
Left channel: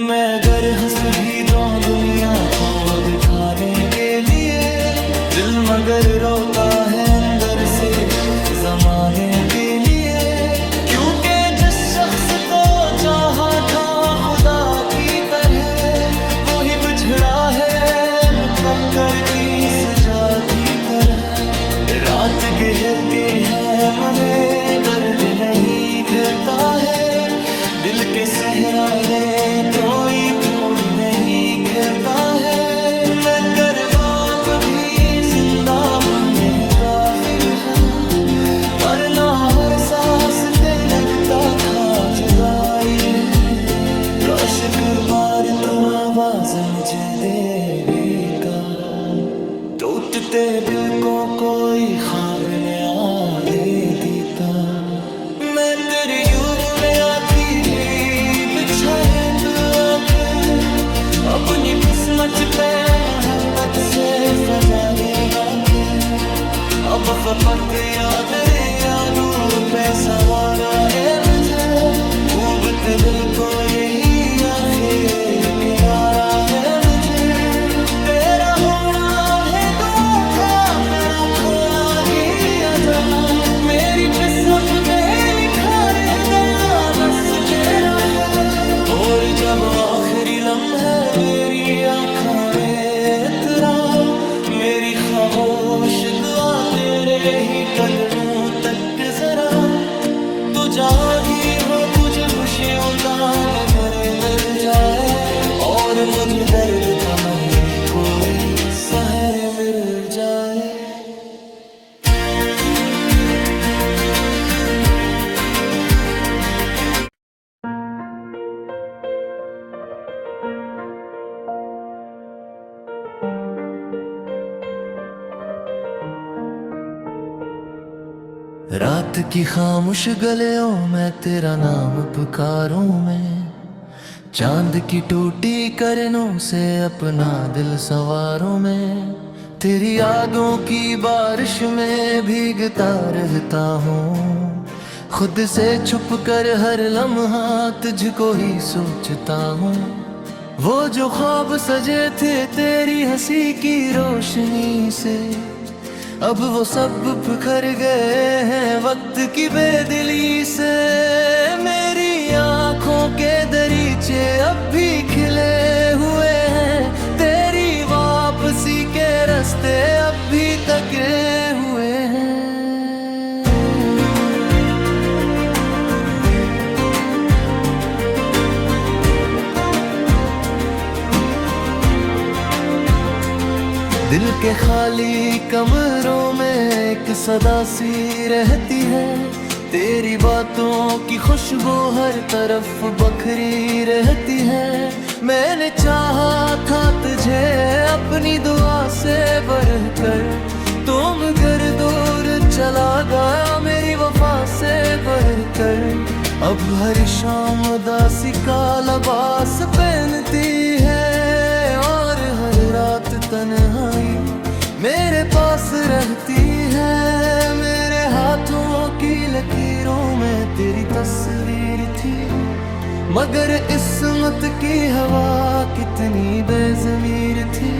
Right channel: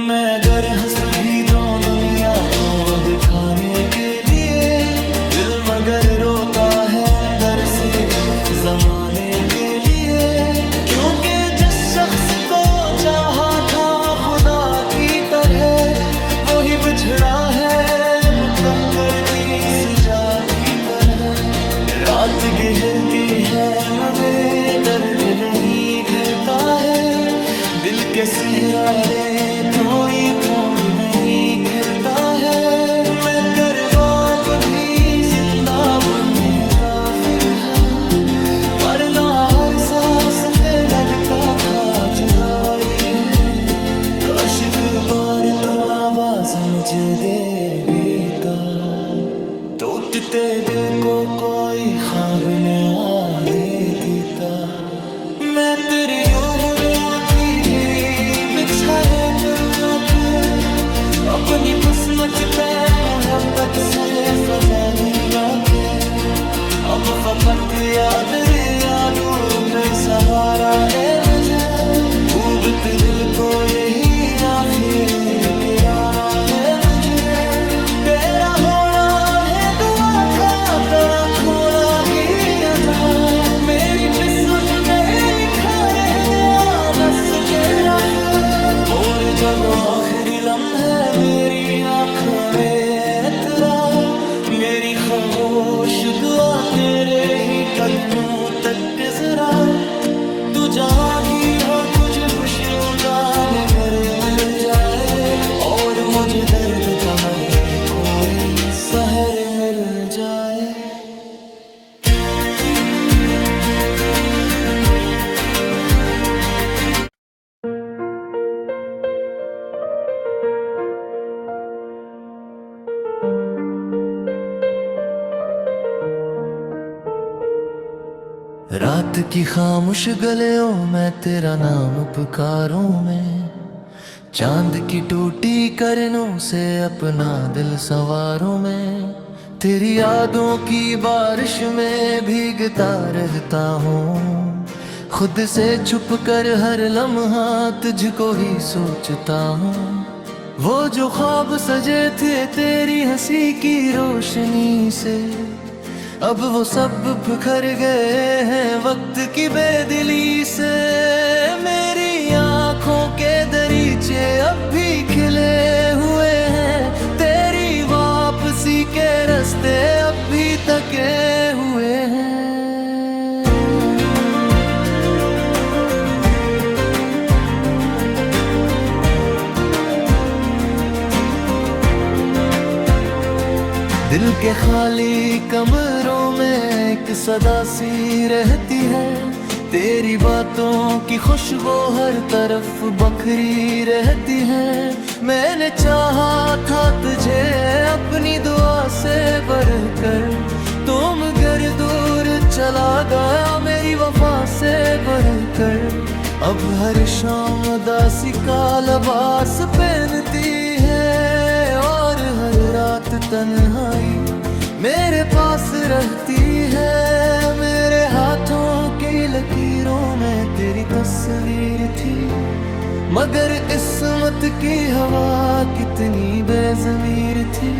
मैं अगर हंस भी दूं दुनिया को दिखाने के लिए, दिल मगर रोता है अंदर से जमाने के लिए। क्योंकि जिस शख्स को चाहा था खुदा की तरह, वो ही बिछड़ा है मुकद्दर की सजा की तरह। रात गहर के है मगर दर्द नहीं खिलता है, दिल के सहराले तो ये फूल नहीं खिलता है। मैं करवाब भी जिंदा बुल्लरी काफी है, पर ना हर सांस पे लगता था जुदाई है। काश एक बार तो आवाज मुझे देगा, टूटते दिल को कोई ख्वाब नया दे देता। मैं तेरी यूं बुले आँखी भी बिछाए तो पे, अपनी किस्मत पे मोहब्बत से फजाली लाके। अब फपत याद यादू पे सहारा ए मुझे, ऊबत दिल को यही आखिर किनारा है मुझे। तेरा होना है दुआ का, तेरा खोला गया जा, मेरी किस्मत पे लिखा रह गया बस तेरा फिर। और जब आखिरी लम्हे मेरी आँखों में तेरा, मेरी खामोश दुआ तेरे ही कदमों तक जरा। तू जहाँ भी हो तुझे खुशियों का नज़र मिल जाए, और मुझे दर्द का मन कोई सहर मिल जाए। रात की खामोश गलियों में तेरा नाम पुकारूं मैं, चांद की टूटी करनों से अपना दिल संवारूं मैं। तेरी यादों की बारिश में भीगता रहता हूँ, खुद से छुप कर हर लम्हा तुझको ही सोचता हूँ। वो जो ख्वाब सजे थे तेरी हंसी की रोशनी से, अब वो सब बिखर गए हैं वक्त की बेदिली से। मेरी आंखों के दरीचे अब भी खिले हुए हैं, तेरी वापसी के रास्ते अब भी तके हुए हैं। दिल के खाली कमरों में एक सदा सी रहती है, तेरी बातों की खुशबू हर तरफ बखरी रहती है। मैंने चाहा था तुझे अपनी दुआ से बढ़कर, तुम घर दूर चला गया मेरी वफा से बढ़कर। अब हर शाम उदासी का लिबास पहनती है, और हर रात तन्हाई मेरे पास रहती है। मेरे हाथों की लकीरों में तेरी तस्वीर थी, मगर किस्मत की हवा कितनी बेज़मीर थी।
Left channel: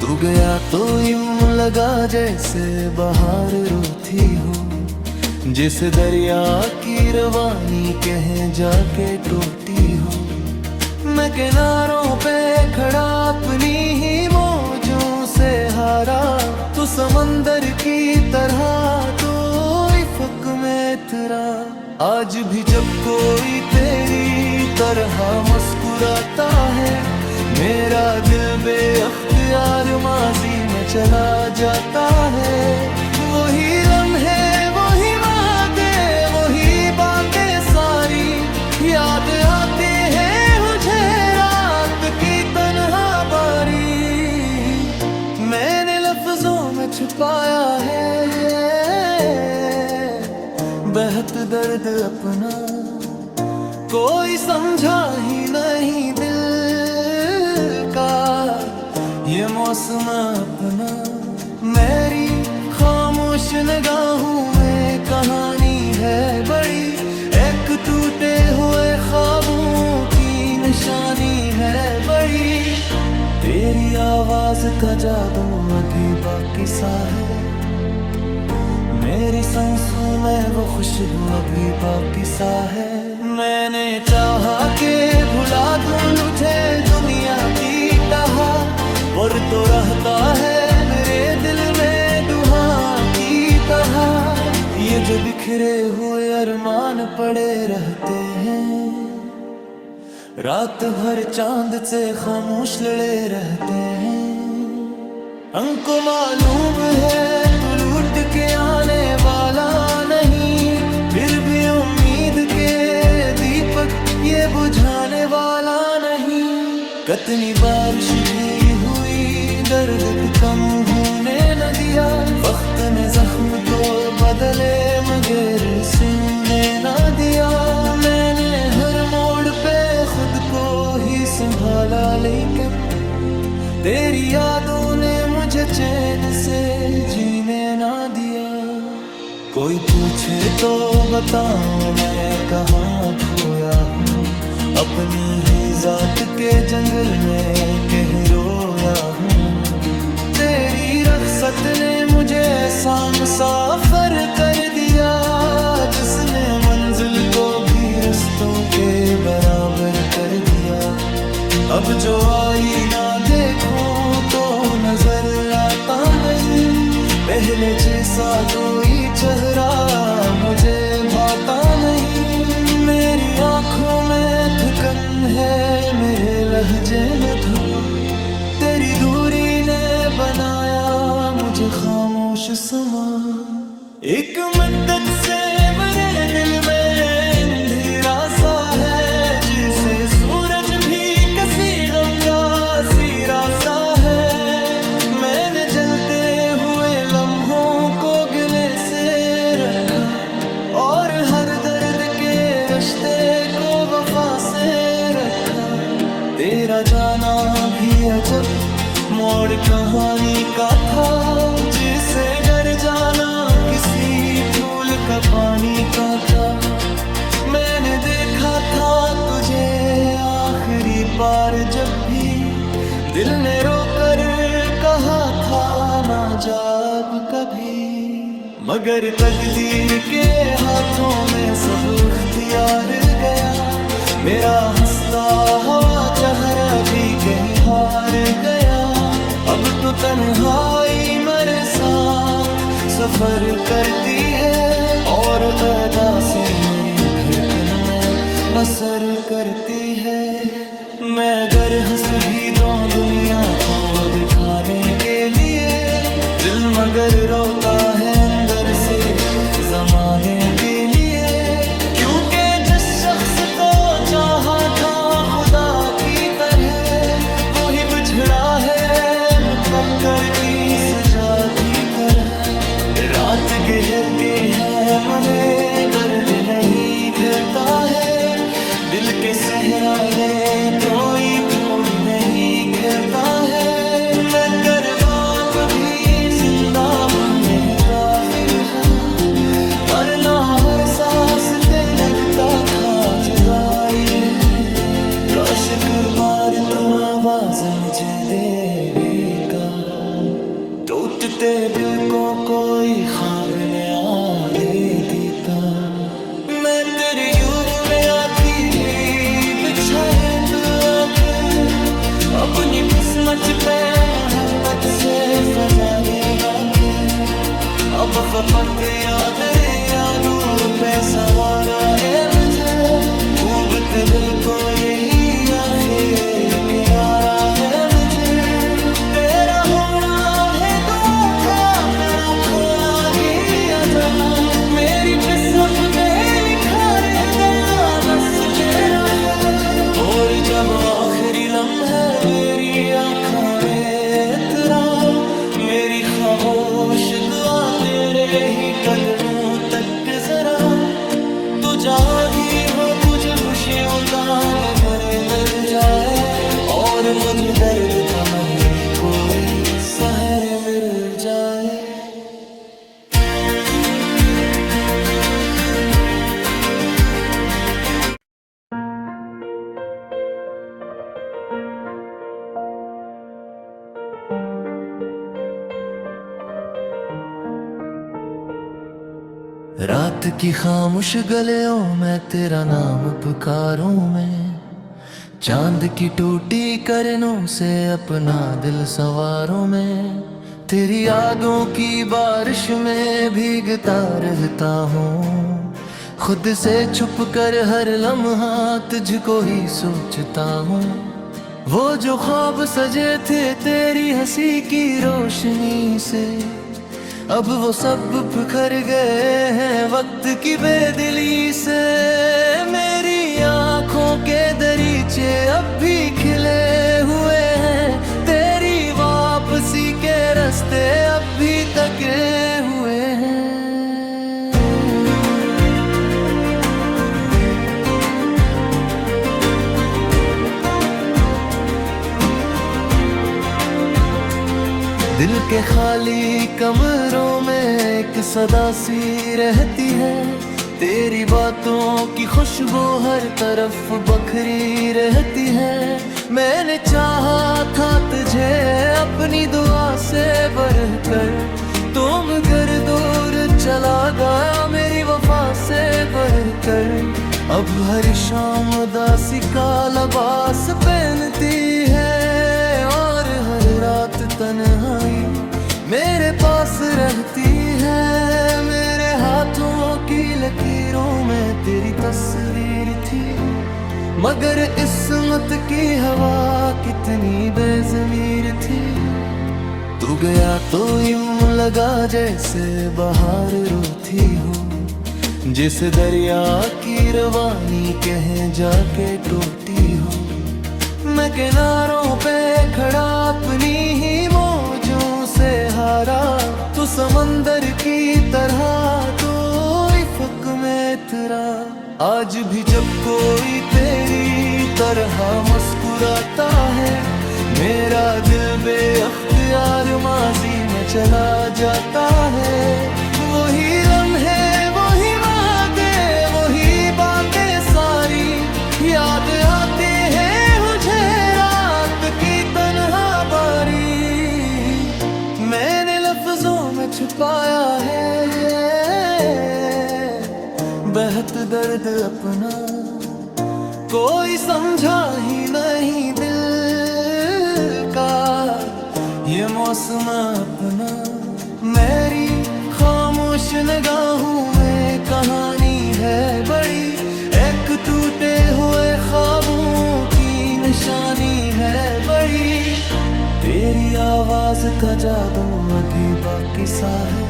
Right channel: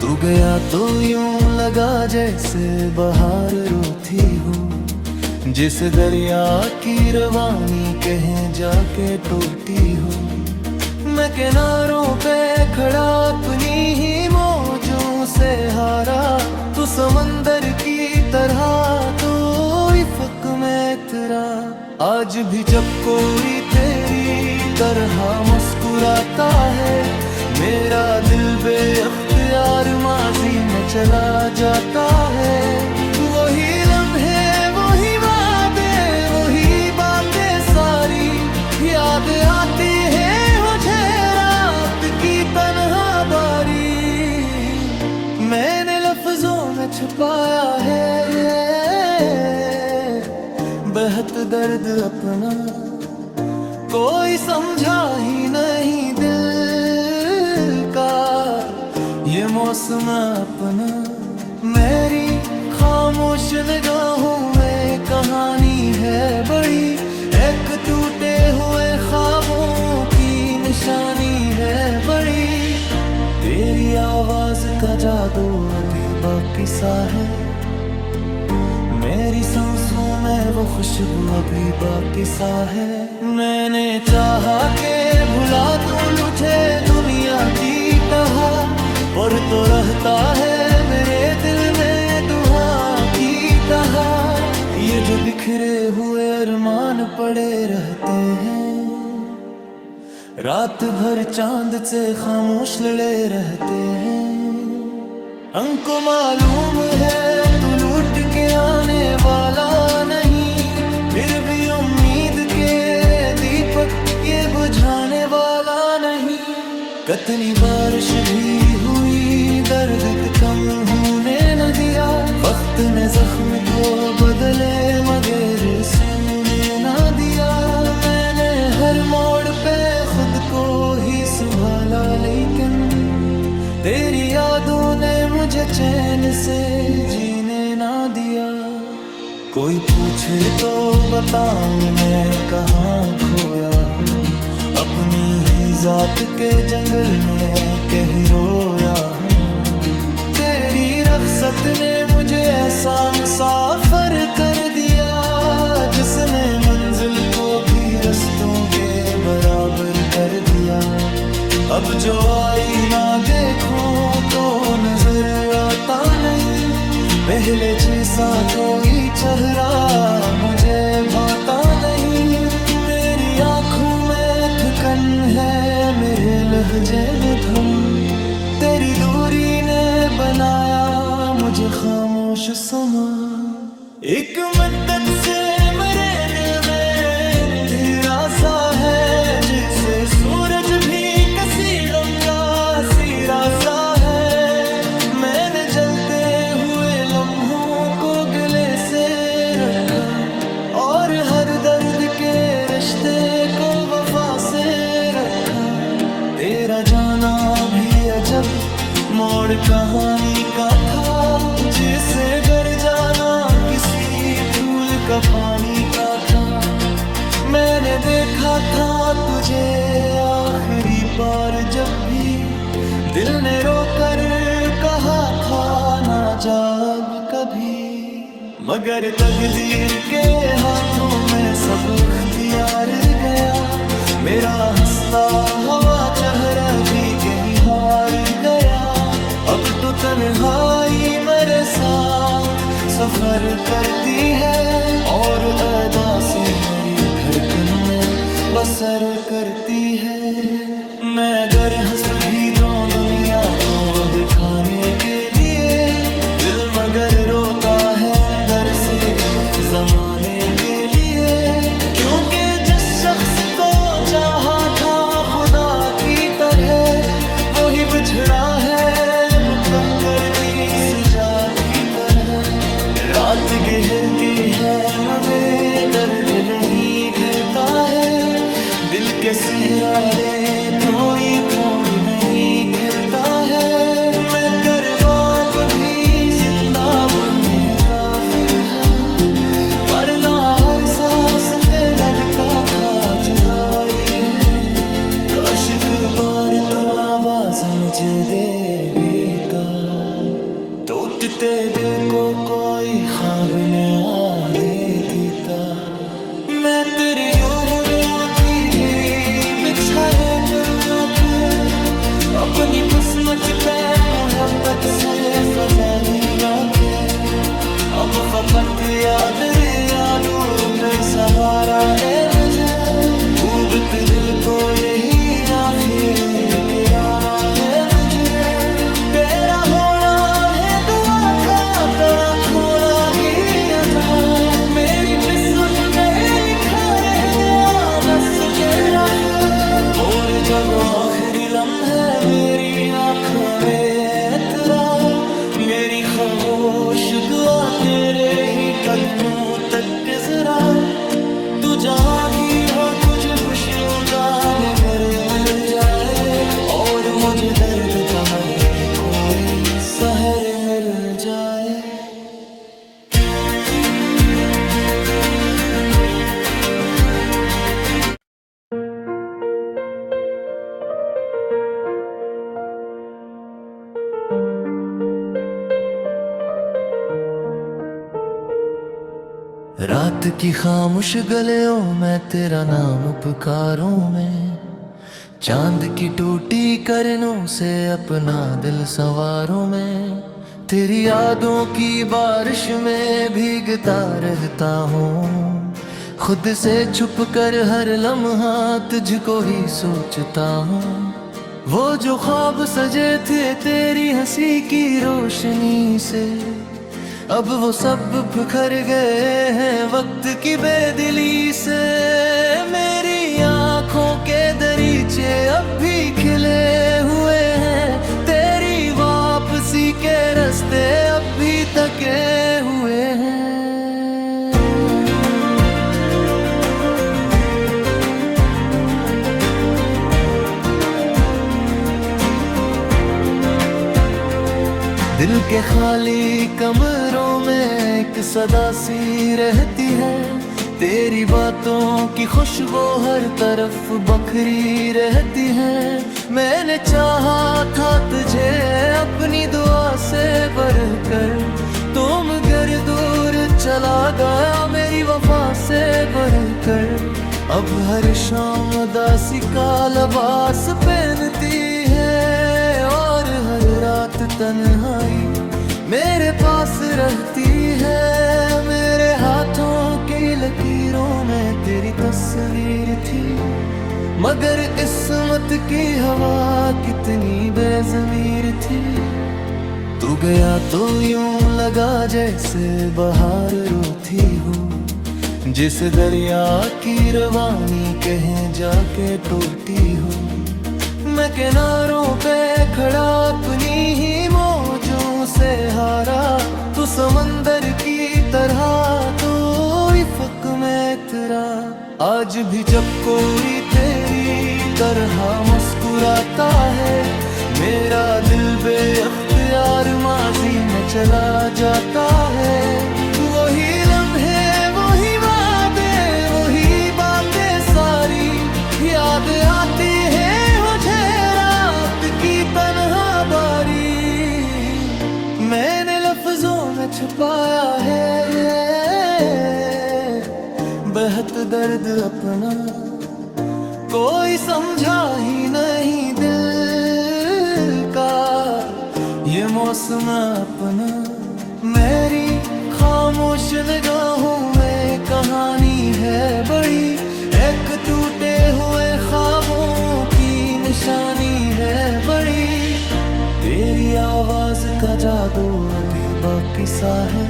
तू गया तो यूं लगा जैसे बहार रोती हो, जिस दरिया की रवानी कहीं जाके टूटी हो। मैं किनारों पे खड़ा अपनी ही मौजों से हारा, तू समंदर की तरह तो इफ़क में तेरा। आज भी जब कोई तेरी तरह मुस्कुराता है, मेरा दिल बेअख्तियार माजी में चला जाता है। वही लम्हे वही वादे वही बातें सारी याद आती है मुझे रात की तन्हा बारी। मैंने लफ्जों में छुपाया है बेहद दर्द अपना, कोई समझा ही नहीं दिल का ये मौसम अपना। मेरी खामोश निगाहों में कहानी है बड़ी, एक टूटे हुए ख्वाबों की निशानी है बड़ी। तेरी आवाज का जादू अभी बाकी सा है, मेरी सांसों में वो खुशबू अभी बाकी सा है। मैंने चाहा के भुला दूं लुटे दुनिया की टहा, पर तो रहता है मेरे दिल में दुआ की टहा। ये जो बिखरे हुए अरमान पड़े रहते हैं, रात भर चांद से खामोश लड़े रहते हैं। हमको मालूम है तू लूट के आने वाला नहीं, फिर भी उम्मीद के दीपक ये बुझाने वाला नहीं। कितनी बारिश भी हुई दर्द कम होने न दिया, वक्त ने जख्म तो बदले मगर सोने न दिया। मैंने हर मोड़ पे खुद को ही संभाला, लेकिन तेरी यादों ने मुझे चैन से जीने ना दिया। कोई पूछे तो बताऊं मैं कहाँ खोया हूँ, अपनी ही जात के जंगल में कहीं रोया हूँ। तेरी रख्सत ने मुझे ऐसा मुसाफिर कर दिया, जिसने मंजिल को भी रस्तों के बराबर कर दिया। अब जो आईना देखो तो नजर आता नहीं, पहले जैसा कोई चेहरा मुझे भाता नहीं। मेरी आंखों में थकन है, मेरे लहजे में धुन, तेरी दूरी ने बनाया मुझे खामोश समा। एक मुद्दत से मेरे दिल में अंधेरा सा है, जिसे सूरज भी किसी गम का सिरा सा है। मैंने जलते हुए लम्हों को गले से रखा, और हर दर्द के रिश्ते को वफा से रखा। तेरा जाना भी अजब मोड़ कहानी का था, जिसे घर जाना किसी फूल का पानी का था। मैंने देखा था तुझे आखिरी बार जब भी दिल ने रोकर कहा था ना जा अब कभी। मगर तकदीर के हाथों में सब इख्तियार गया, मेरा हंसता हुआ चेहरा भी कहीं हार गया। अब तो तन्हाई मेरे साथ सफर करती है, और अदासी मेरी धड़कन में बसर करती है। मैं अगर हंस भी दूं दुनिया को दिखाने के लिए, दिल मगर रोता है अंदर से जमाने के लिए। क्योंकि जिस शख्स को चाहा था खुदा की तरह, वो ही बिछड़ा है मुकद्दर की सजा की तरह। रात गहर के है मगर दर्द नहीं खिलता है, दिल के सहराले तो ये फूल नहीं खिलता है। मैं करबाब भी जिंदा बुल्लरी काफी है, पर ना हर सांस पे लगता था जुदाई है। काश एक बार तो आवाज मुझे देगा, टूटते दिल को कोई ख्वाब नया दे देता। मैं तेरी यूं बुले आँखी भी बिछाए तो पे, अपनी किस्मत पे मोहब्बत से फजाली लाके। अब फपट याद यादू पे सहारा ए मुझे, डूबत दिल को यही आखिर किनारा है मुझे। तेरा होना है दुआ का, तेरा खोना गिया जा, मेरी किस्मत पे लिखा रह गया दस तेरा फिर। और जब आखिरी लम्हे मेरी आँखों में उतरा, मेरी खामोश दुआ तेरे ही कदमों तक जरा। तू जहाँ ही हो तुझे खुशियों का नज़र मिल जाए, और मुझे दर्द का मनी कोई सहर मिल जाए। रात की खामोश गलियों में तेरा नाम पुकारूं मैं, चांद की टूटी करनों से अपना दिल संवारूं मैं। तेरी यादों की बारिश में भीगता रहता हूँ, खुद से छुप कर हर लम्हा तुझको ही सोचता हूँ। वो जो ख्वाब सजे थे तेरी हंसी की रोशनी से, अब वो सब बिखर गए हैं वक्त की बेदिली से। मेरी आँखों के दरीचे अब भी खिले हुए हैं, तेरी वापसी के रास्ते अब भी तके हुए हैं। दिल के खाली कमरों में एक सदा सी रहती है, तेरी बातों की खुशबू हर तरफ बखरी रहती है। मैंने चाहा था तुझे अपनी दुआ से बढ़कर, तुम घर दूर चला गया मेरी वफा से बढ़कर। अब हर शाम उदासी का लिबास पहनती है, और हर रात तन्हाई मेरे पास रहती है। मेरे हाथों की लकीरों में तेरी तस्वीर थी, मगर किस्मत की हवा कितनी बेज़मीर थी। तू गया तो यूं लगा जैसे बहार रोती हो, जिस दरिया की रवानी कहीं जाके टूटी हो। मैं किनारों पे खड़ा अपनी ही मौजों से हारा, तू समंदर की तरह तू इफ़क़ में इतरा। आज भी जब कोई तेरी तरह मुस्कुराता है, मेरा दिल बेअख्तियार माजी में चला जाता है। वही लम्हे, वही वादे, वही बातें सारी याद आती है मुझे रात की तन्हा बारी। मैंने लफ्जों में छुपाया है बेहद दर्द अपना, कोई समझा ही नहीं दिल का ये मौसम अपना। मेरी खामोश निगाहों में कहानी है बड़ी, एक टूटे हुए ख्वाबों की निशानी है बड़ी। तेरी आवाज का जादू अभी बाकी सा है,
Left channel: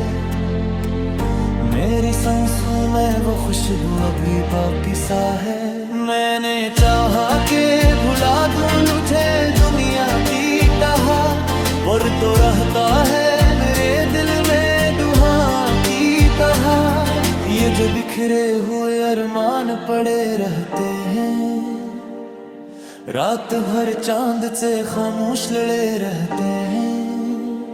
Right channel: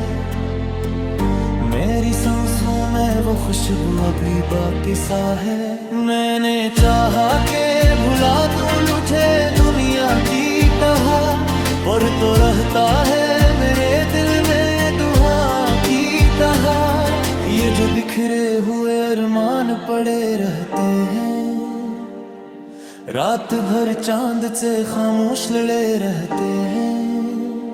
मेरी सांसों में वो खुशबू अभी बाकी सा है। मैंने चाहा के भुला दूं लुटे दुनिया की टहा, पर तो रहता है मेरे दिल में दुआ की तरह। ये जो बिखरे हुए अरमान पड़े रहते हैं, रात भर चांद से खामोश लड़े रहते हैं।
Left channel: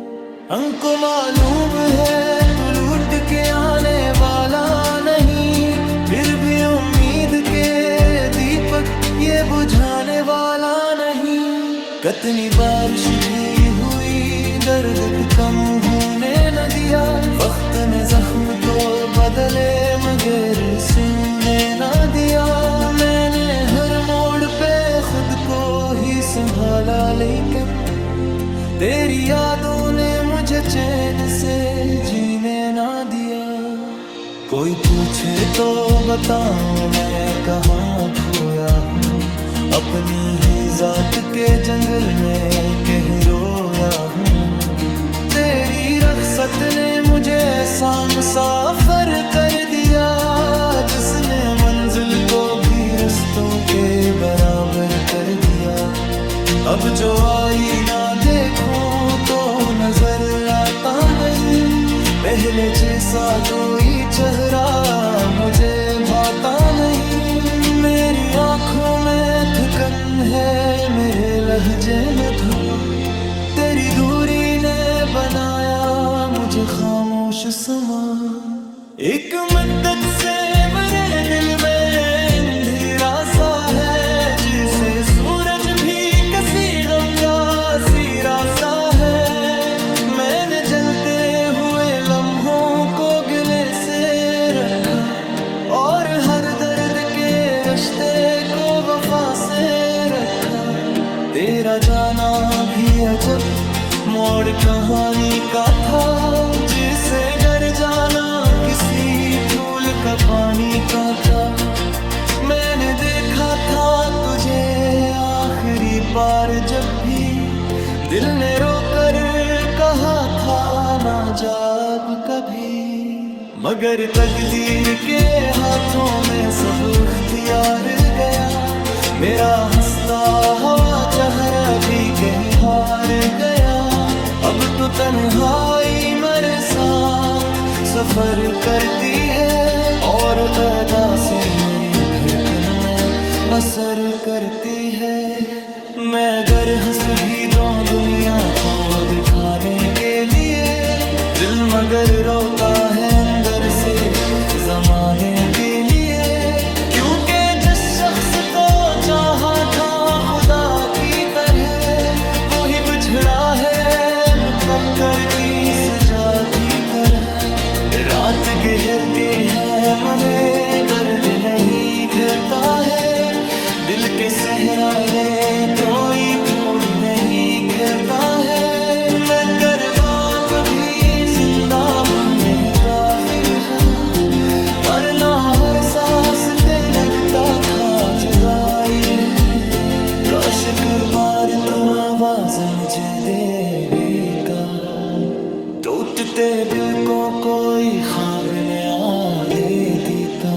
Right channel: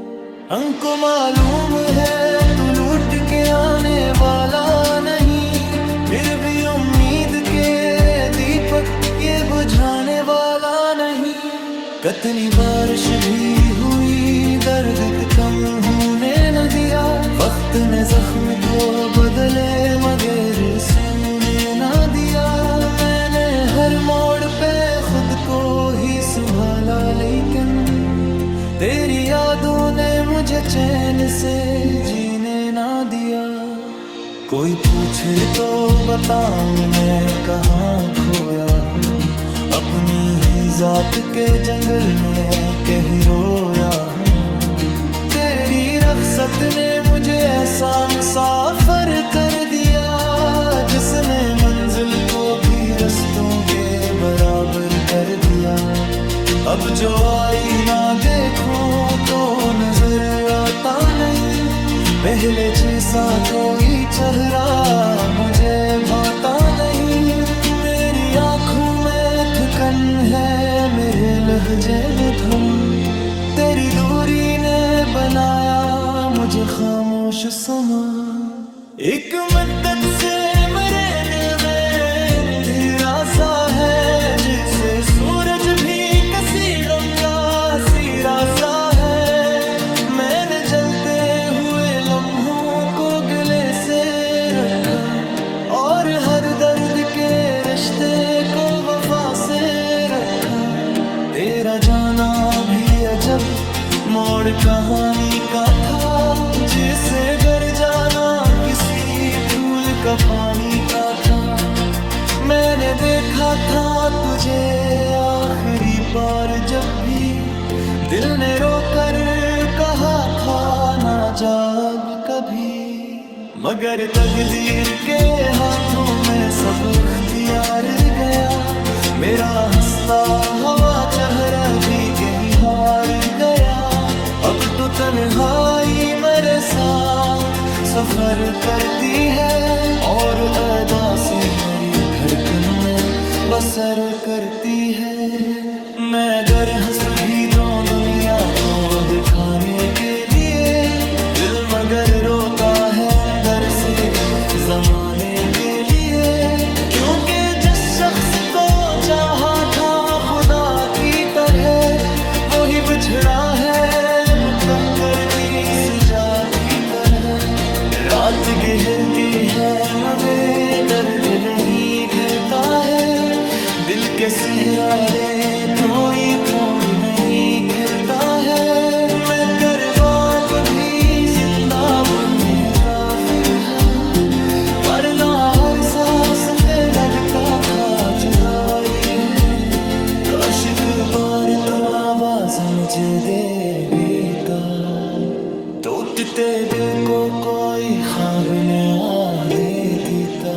हमको मालूम है तू लूट के आने वाला नहीं, फिर भी उम्मीद के दीपक ये बुझाने वाला नहीं। कितनी बारिश भी हुई दर्द कम होने न दिया, वक्त ने जख्म तो बदले मगर सोने न दिया। मैंने हर मोड़ पे खुद को ही संभाला, लेकिन तेरी यादों ने मुझे चैन से जीने ना दिया। कोई पूछे तो बताऊं मैं कहाँ खोया हूँ, अपनी ही जात के जंगल में कहीं रोया हूँ। तेरी रख्सत ने मुझे ऐसा मुसाफिर कर दिया, जिसने मंजिल को भी रस्तों के बराबर कर दिया। अब जो आईना देखो तो नजर आता नहीं, पहले जैसा कोई चेहरा मुझे भाता नहीं। मेरी आंखों में थकन है, मेरे लहजे में धुआं, तेरी दूरी ने बनाया मुझे खामोश समा। एक मद्दत से मेरे दिल में अंधेरा सा है, जिसे सूरज भी किसी गम का सिरा सा है। मैंने जलते हुए लम्हों को गले से रखा, और हर दर्द के रिश्ते को वफा से रखा। तेरा जाना भी अजब मोड़ कहानी का था, जिसे घर जाना किसी फूल का पानी का था। मैंने देखा था तुझे आखिरी बार जब भी दिल ने रोकर कहा था ना जा अब कभी। मगर तकदीर के हाथों में सब इख्तियार गया, मेरा हंसता हवा चेहरा भी कहीं हार गया। अब तो तन्हाई मेरे साथ सफर करती है, और अदासी मेरी धड़कन में बसर करती है। मैं अगर हंस भी दूं दुनिया को दिखाने के लिए, दिल मगर रोता है अंदर से जमाने के लिए। क्योंकि जिस शख्स को चाहा था खुदा की तरह, वो ही बिछड़ा है मुकद्दर की सजा की तरह। रात गहर के है मगर दर्द नहीं खिलता है, दिल के सहरारे तो ये फूल नहीं खिलता है। मैं करबाब भी जिंदा बुल्लरी काफी है, पर ना हर सांस पे लगता खा जुदाई है। काश एक बार तो आवाज मुझे देगा, टूटते दिल को कोई ख्वाब नया दे देता।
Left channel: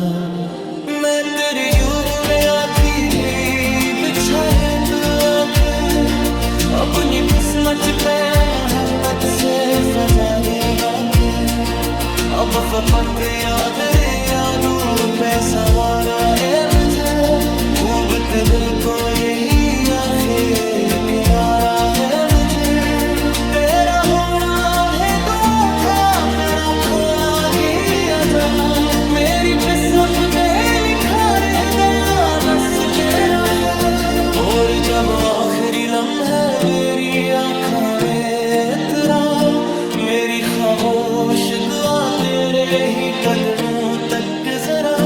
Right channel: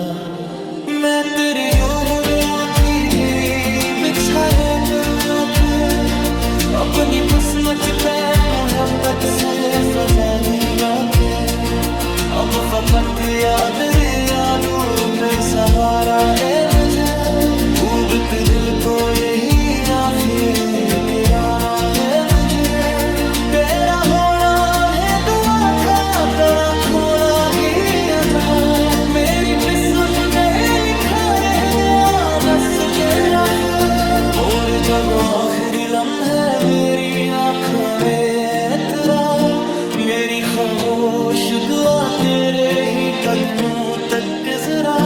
मैं तेरी यूं बुले आँखी भी बिछाए तो या फिर अपनी पुस्मत पे मोहब्बत से सजा लीला पे। अब फपट याद रे यादू पे सहारा ए मुझे, डूबत दिल को यही आखिर किनारा है मुझे। तेरा होना है दुआ का, तेरा खोना गिया जा, मेरी पिसप गए लिखा रह गया दस तेरा फिर। और जब आखिरी लम्हे मेरी आँखों में तेरा, मेरी खामोश दुआ तेरे ही कदमों तक जरा।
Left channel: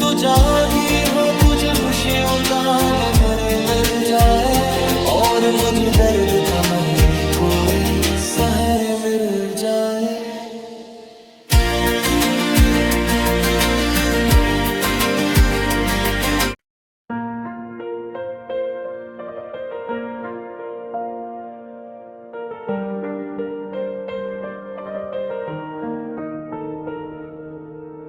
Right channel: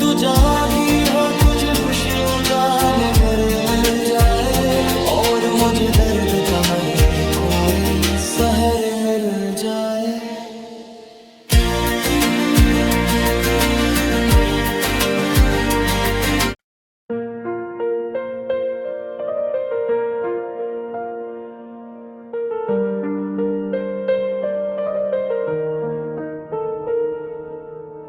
तू जहाँ भी हो तुझे खुशियों का निबर मिल जाए, और मुझे दर्द का मली कोई सहर मिल जाए।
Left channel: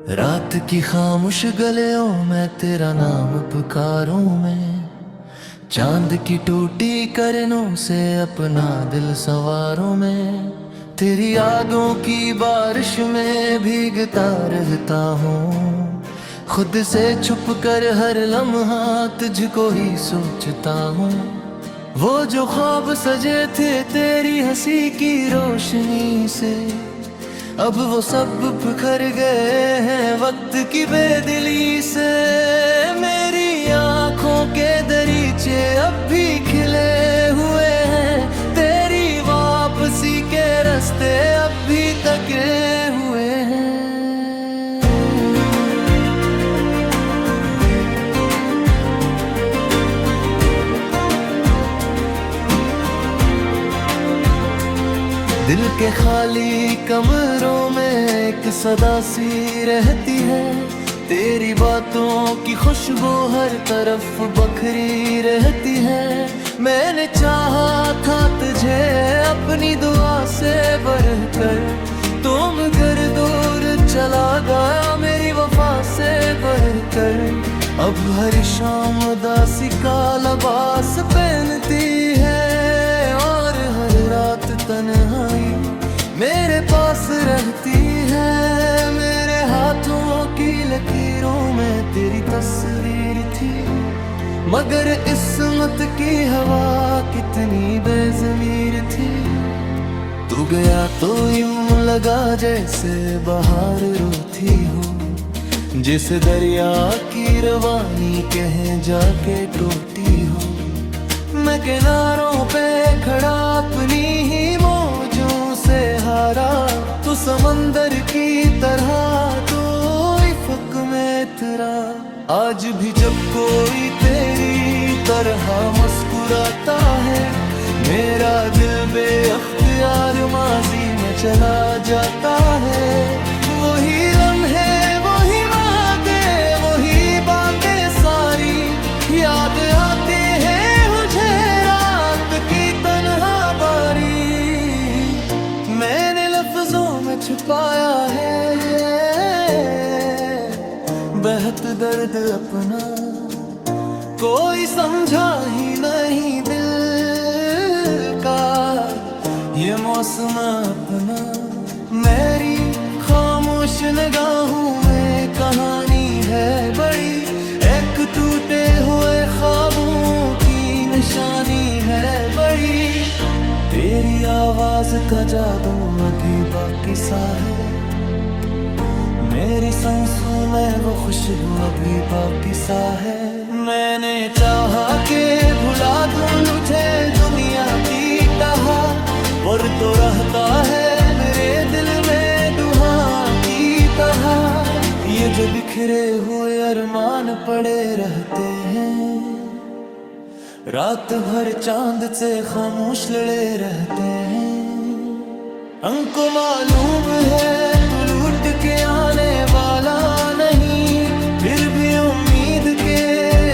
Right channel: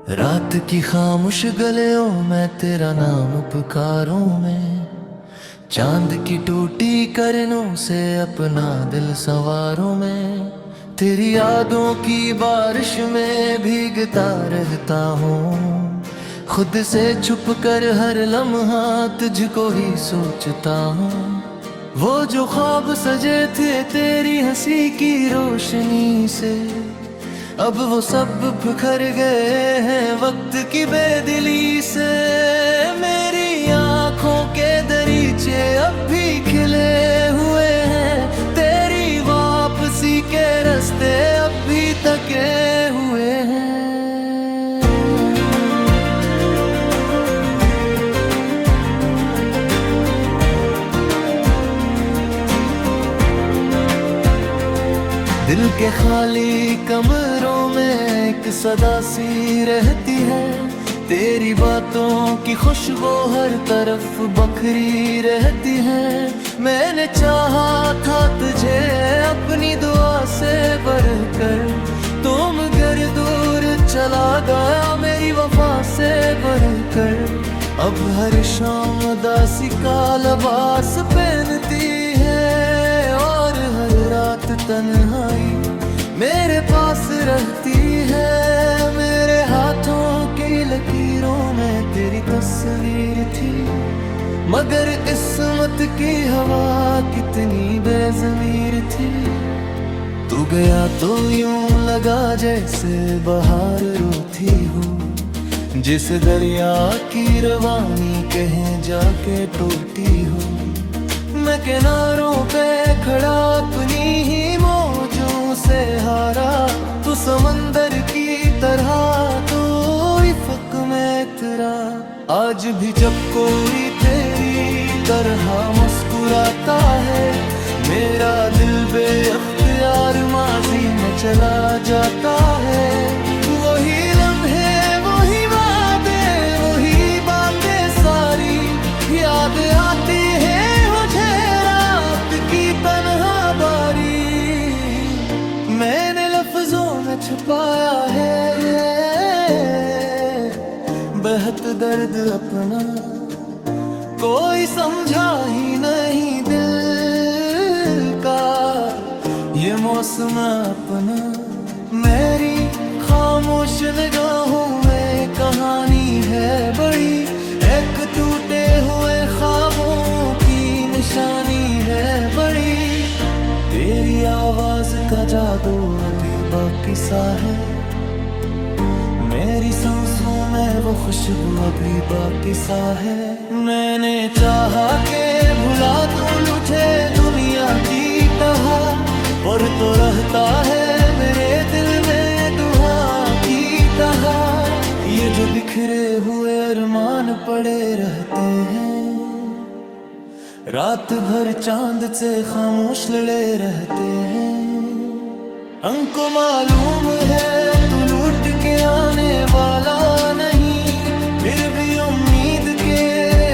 रात की खामोश गलियों में तेरा नाम पुकारूं मैं, चांद की टूटी करनों से अपना दिल संवारूं मैं। तेरी यादों की बारिश में भीगता रहता हूँ, खुद से छुप कर हर लम्हा तुझको ही सोचता हूँ। वो जो ख्वाब सजे थे तेरी हंसी की रोशनी से, अब वो सब बिखर गए हैं वक्त की बेदिली से। मेरी आँखों के दरीचे अब भी खिले हुए हैं, तेरी वापसी के रास्ते अब भी तके हुए हैं। दिल के खाली कमरों में एक सदा सी रहती है, तेरी बातों की खुशबू हर तरफ बखरी रहती है। मैंने चाहा था तुझे अपनी दुआ से बढ़कर, तुम घर दूर चला गया मेरी वफा से बढ़कर। अब हर शाम उदासी का लिबास पहनती है, और हर रात तन्हाई मेरे पास रहती है। मेरे हाथों की लकीरों में तेरी तस्वीर थी, मगर इस्मत की हवा कितनी बेज़मीर थी। तू गया तो यूं लगा जैसे बहार रोती हो, जिस दरिया की रवानी कहीं जाके टूटी हो। मैं किनारों पे खड़ा अपनी ही मौजों से हारा, तू समंदर की तरह तो इफ़क में तेरा। आज भी जब कोई तेरी तरह मुस्कुराता है, मेरा दिल बेअख्तियार माजी में चला जाता है। वही लम्हे वही वादे वही बातें सारी याद आती है मुझे रात की तन्हा बारी। मैंने लफ्जों में छुपाया है बेहद दर्द अपना, कोई समझा ही नहीं दिल का ये मौसम अपना। मेरी खामोश निगाहों में कहानी है बड़ी, एक टूटे हुए ख्वाबों की निशानी है बड़ी। तेरी आवाज का जादू अभी बाकी सा है, मेरी सांसों में वो खुशबू अभी बाकी सा है। मैंने चाहा के भुला दूं लुटे दुनिया की टहा, पर तो रहता है मेरे दिल में दुआ की टहा। ये जो बिखरे हुए अरमान पड़े रहते हैं, रात भर चांद से खामोश लड़े रहते हैं। हमको मालूम है तू लूट के आने वाला नहीं, फिर भी उम्मीद के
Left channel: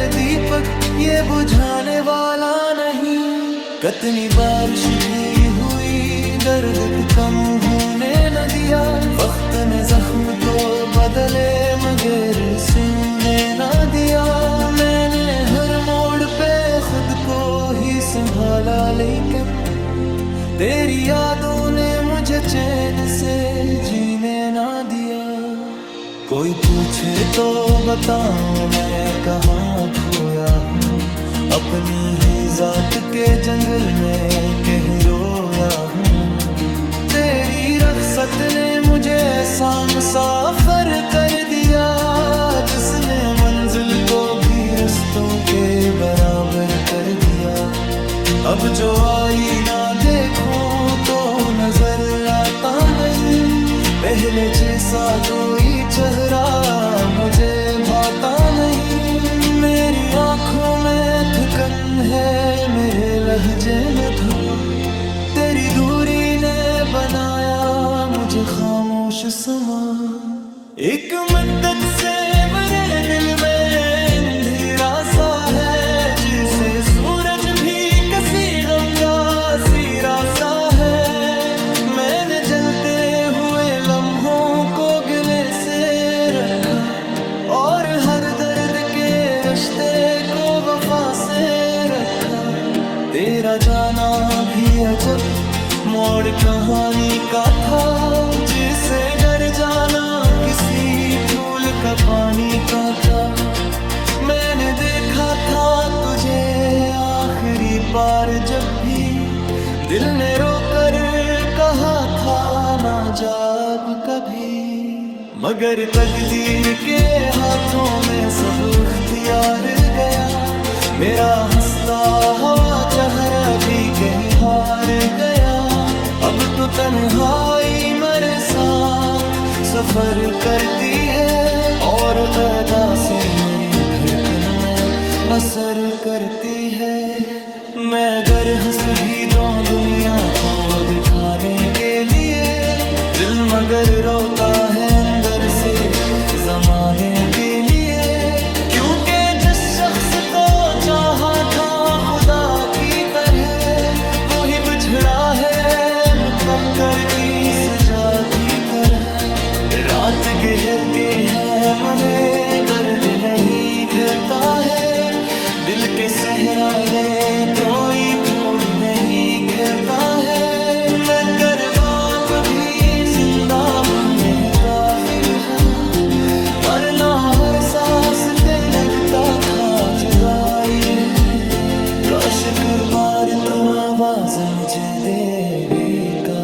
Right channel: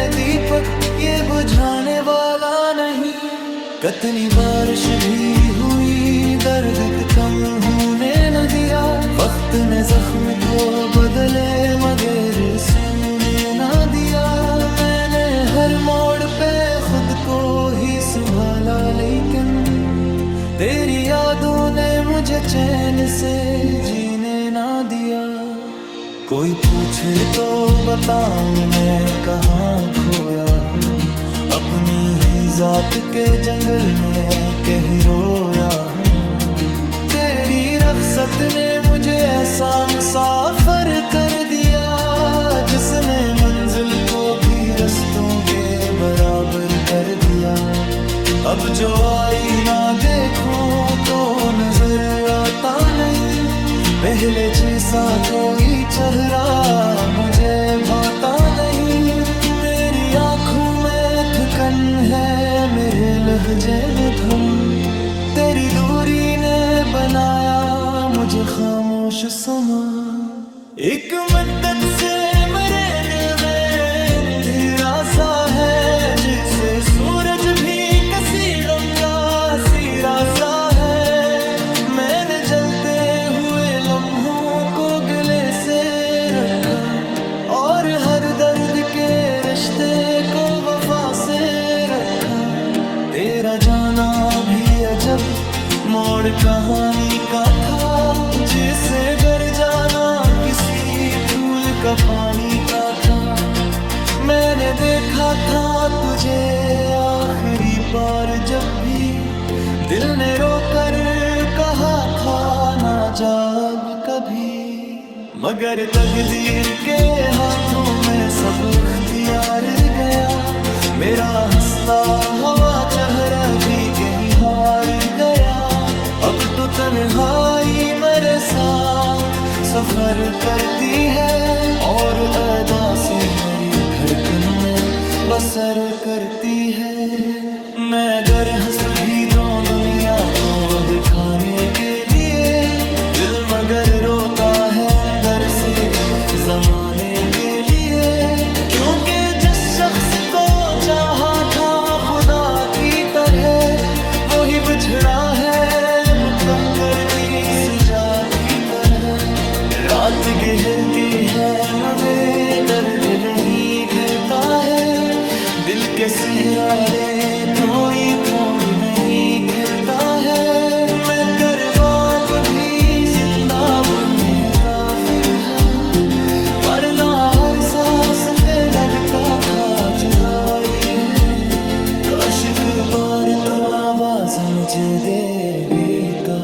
दीपक ये बुझाने वाला नहीं। कितनी बारिश भी हुई दर्द कम होने न दिया, वक्त ने जख्म तो बदले मगर सोने न दिया। मैंने हर मोड़ पे ही संभाला, लेकिन तेरी यादों ने मुझे चैन से जीने ना दिया। कोई पूछे तो बताऊं मैं कहाँ खोया हूँ, अपनी ही जात के जंगल में कहीं रोया हूँ। तेरी रख्सत ने मुझे ऐसा मुसाफिर कर दिया, जिसने मंजिल को भी रस्तों के बराबर कर दिया। अब जो आईना देखूं तो नजर आता नहीं, पहले जैसा कोई चेहरा मुझे भाता नहीं। मेरी आंखों में थकन है, मेरे लहजे में धुआं, तेरी दूरी ने बनाया मुझे खामोश समा। एक मुद्दत से मेरे दिल में अंधेरा सा है, जिसे सूरज भी किसी गम का सिरा सा है। मैंने जलते हुए लम्हों को गले से रखा, और हर दर्द के रिश्ते को वफा से रखा। तेरा जाना भी अजब मोड़ कहानी का था, जिसे घर जाना किसी फूल का पानी का था। मैंने देखा था तुझे आखिरी बार जब भी दिल ने रोकर कहा था ना जा अब कभी। मगर तकदीर के हाथों में सब इख्तियार गया, मेरा हंसता हवा चेहरा भी कहीं हार गया। अब तो तन्हाई मेरे साथ सफर करती है, और अदासी मेरी धड़कन में बसर करती है। मैं अगर हंस भी दूं दुनिया को दिखाने के लिए, दिल मगर रोता है अंदर से जमाने के लिए। क्योंकि जिस शख्स को चाहा था खुदा की तरह, वो ही बिछड़ा है मुकद्दर की सजा की तरह। रात गहर के है में दर्द नहीं खलता है, दिल के सहराले तो ये फूल नहीं खिलता है। मैं करबाब भी जिंदा बुल्लरी काफी है, पर ना हर सांस पे लगता था जुदाई है। काश एक बार तो आवाज मुझे देगा,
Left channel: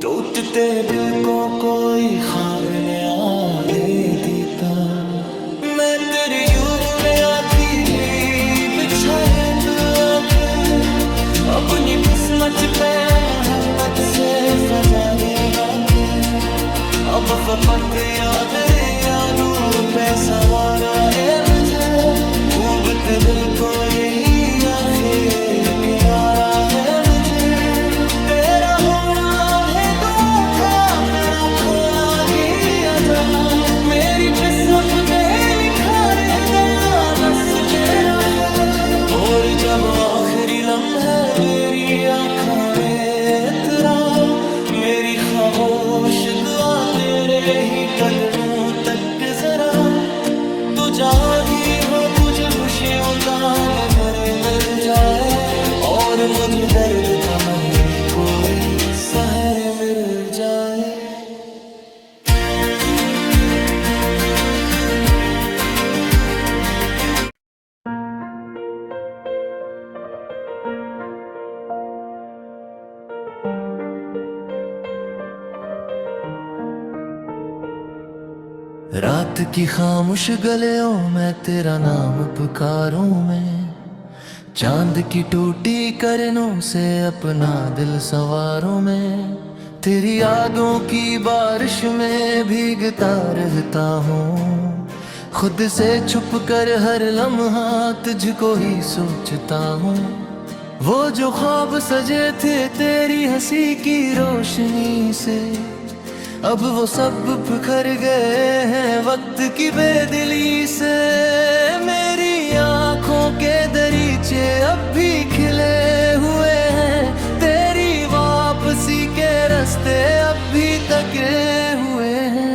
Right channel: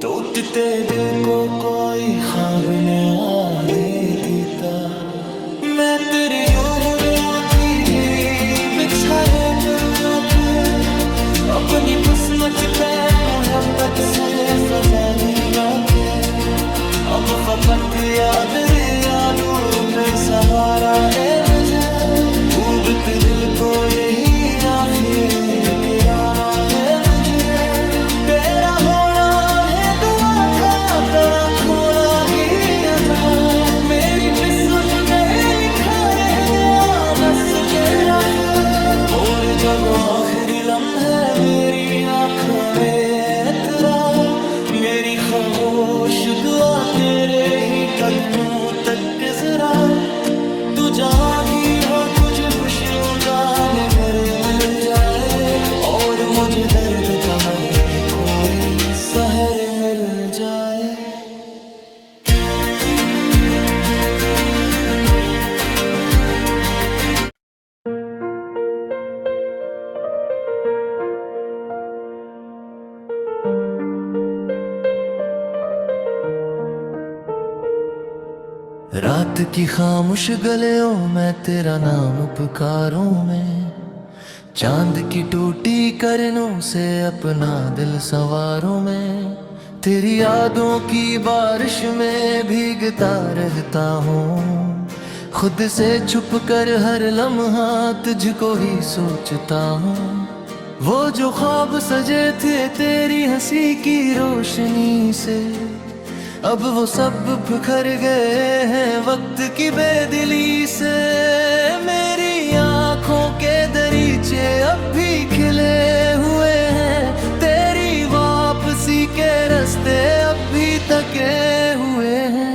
टूटते दिल को कोई ख्वाब नया दे देता। मैं तेरी यूं बुले आँखी भी बिछाए तो अपनी पुस्मत पे मोहब्बत से फजाली लाके। अब फपट याद यादू पे सहारा ए मुझे, ऊबत दिल को यही आखिर किनारा है मुझे। तेरा होना है दुआ का, तेरा खोला गया जा, मेरी किस्मत गए लिखा रह गया दस तेरा फिर। और जब आखिरी लम्हे मेरी आँखों में तेरा, मेरी खामोश दुआ तेरे ही कदमों तक जरा। तू जागी हो तुझे खुशियों का नजर मिल जाए, और मुझे दर्द का मन कोई सहर मिल जाए। रात की खामोश गलियों में तेरा नाम पुकारूं मैं, चांद की टूटी करनों से अपना दिल संवारूं मैं। तेरी यादों की बारिश में भीगता रहता हूँ, खुद से छुप कर हर लम्हा तुझको ही सोचता हूँ। वो जो ख्वाब सजे थे तेरी हंसी की रोशनी से, अब वो सब बिखर गए हैं वक्त की बेदिली से। मेरी आंखों के दरीचे अब भी खिले हुए हैं, तेरी वापसी के रास्ते अब भी तके हुए हैं।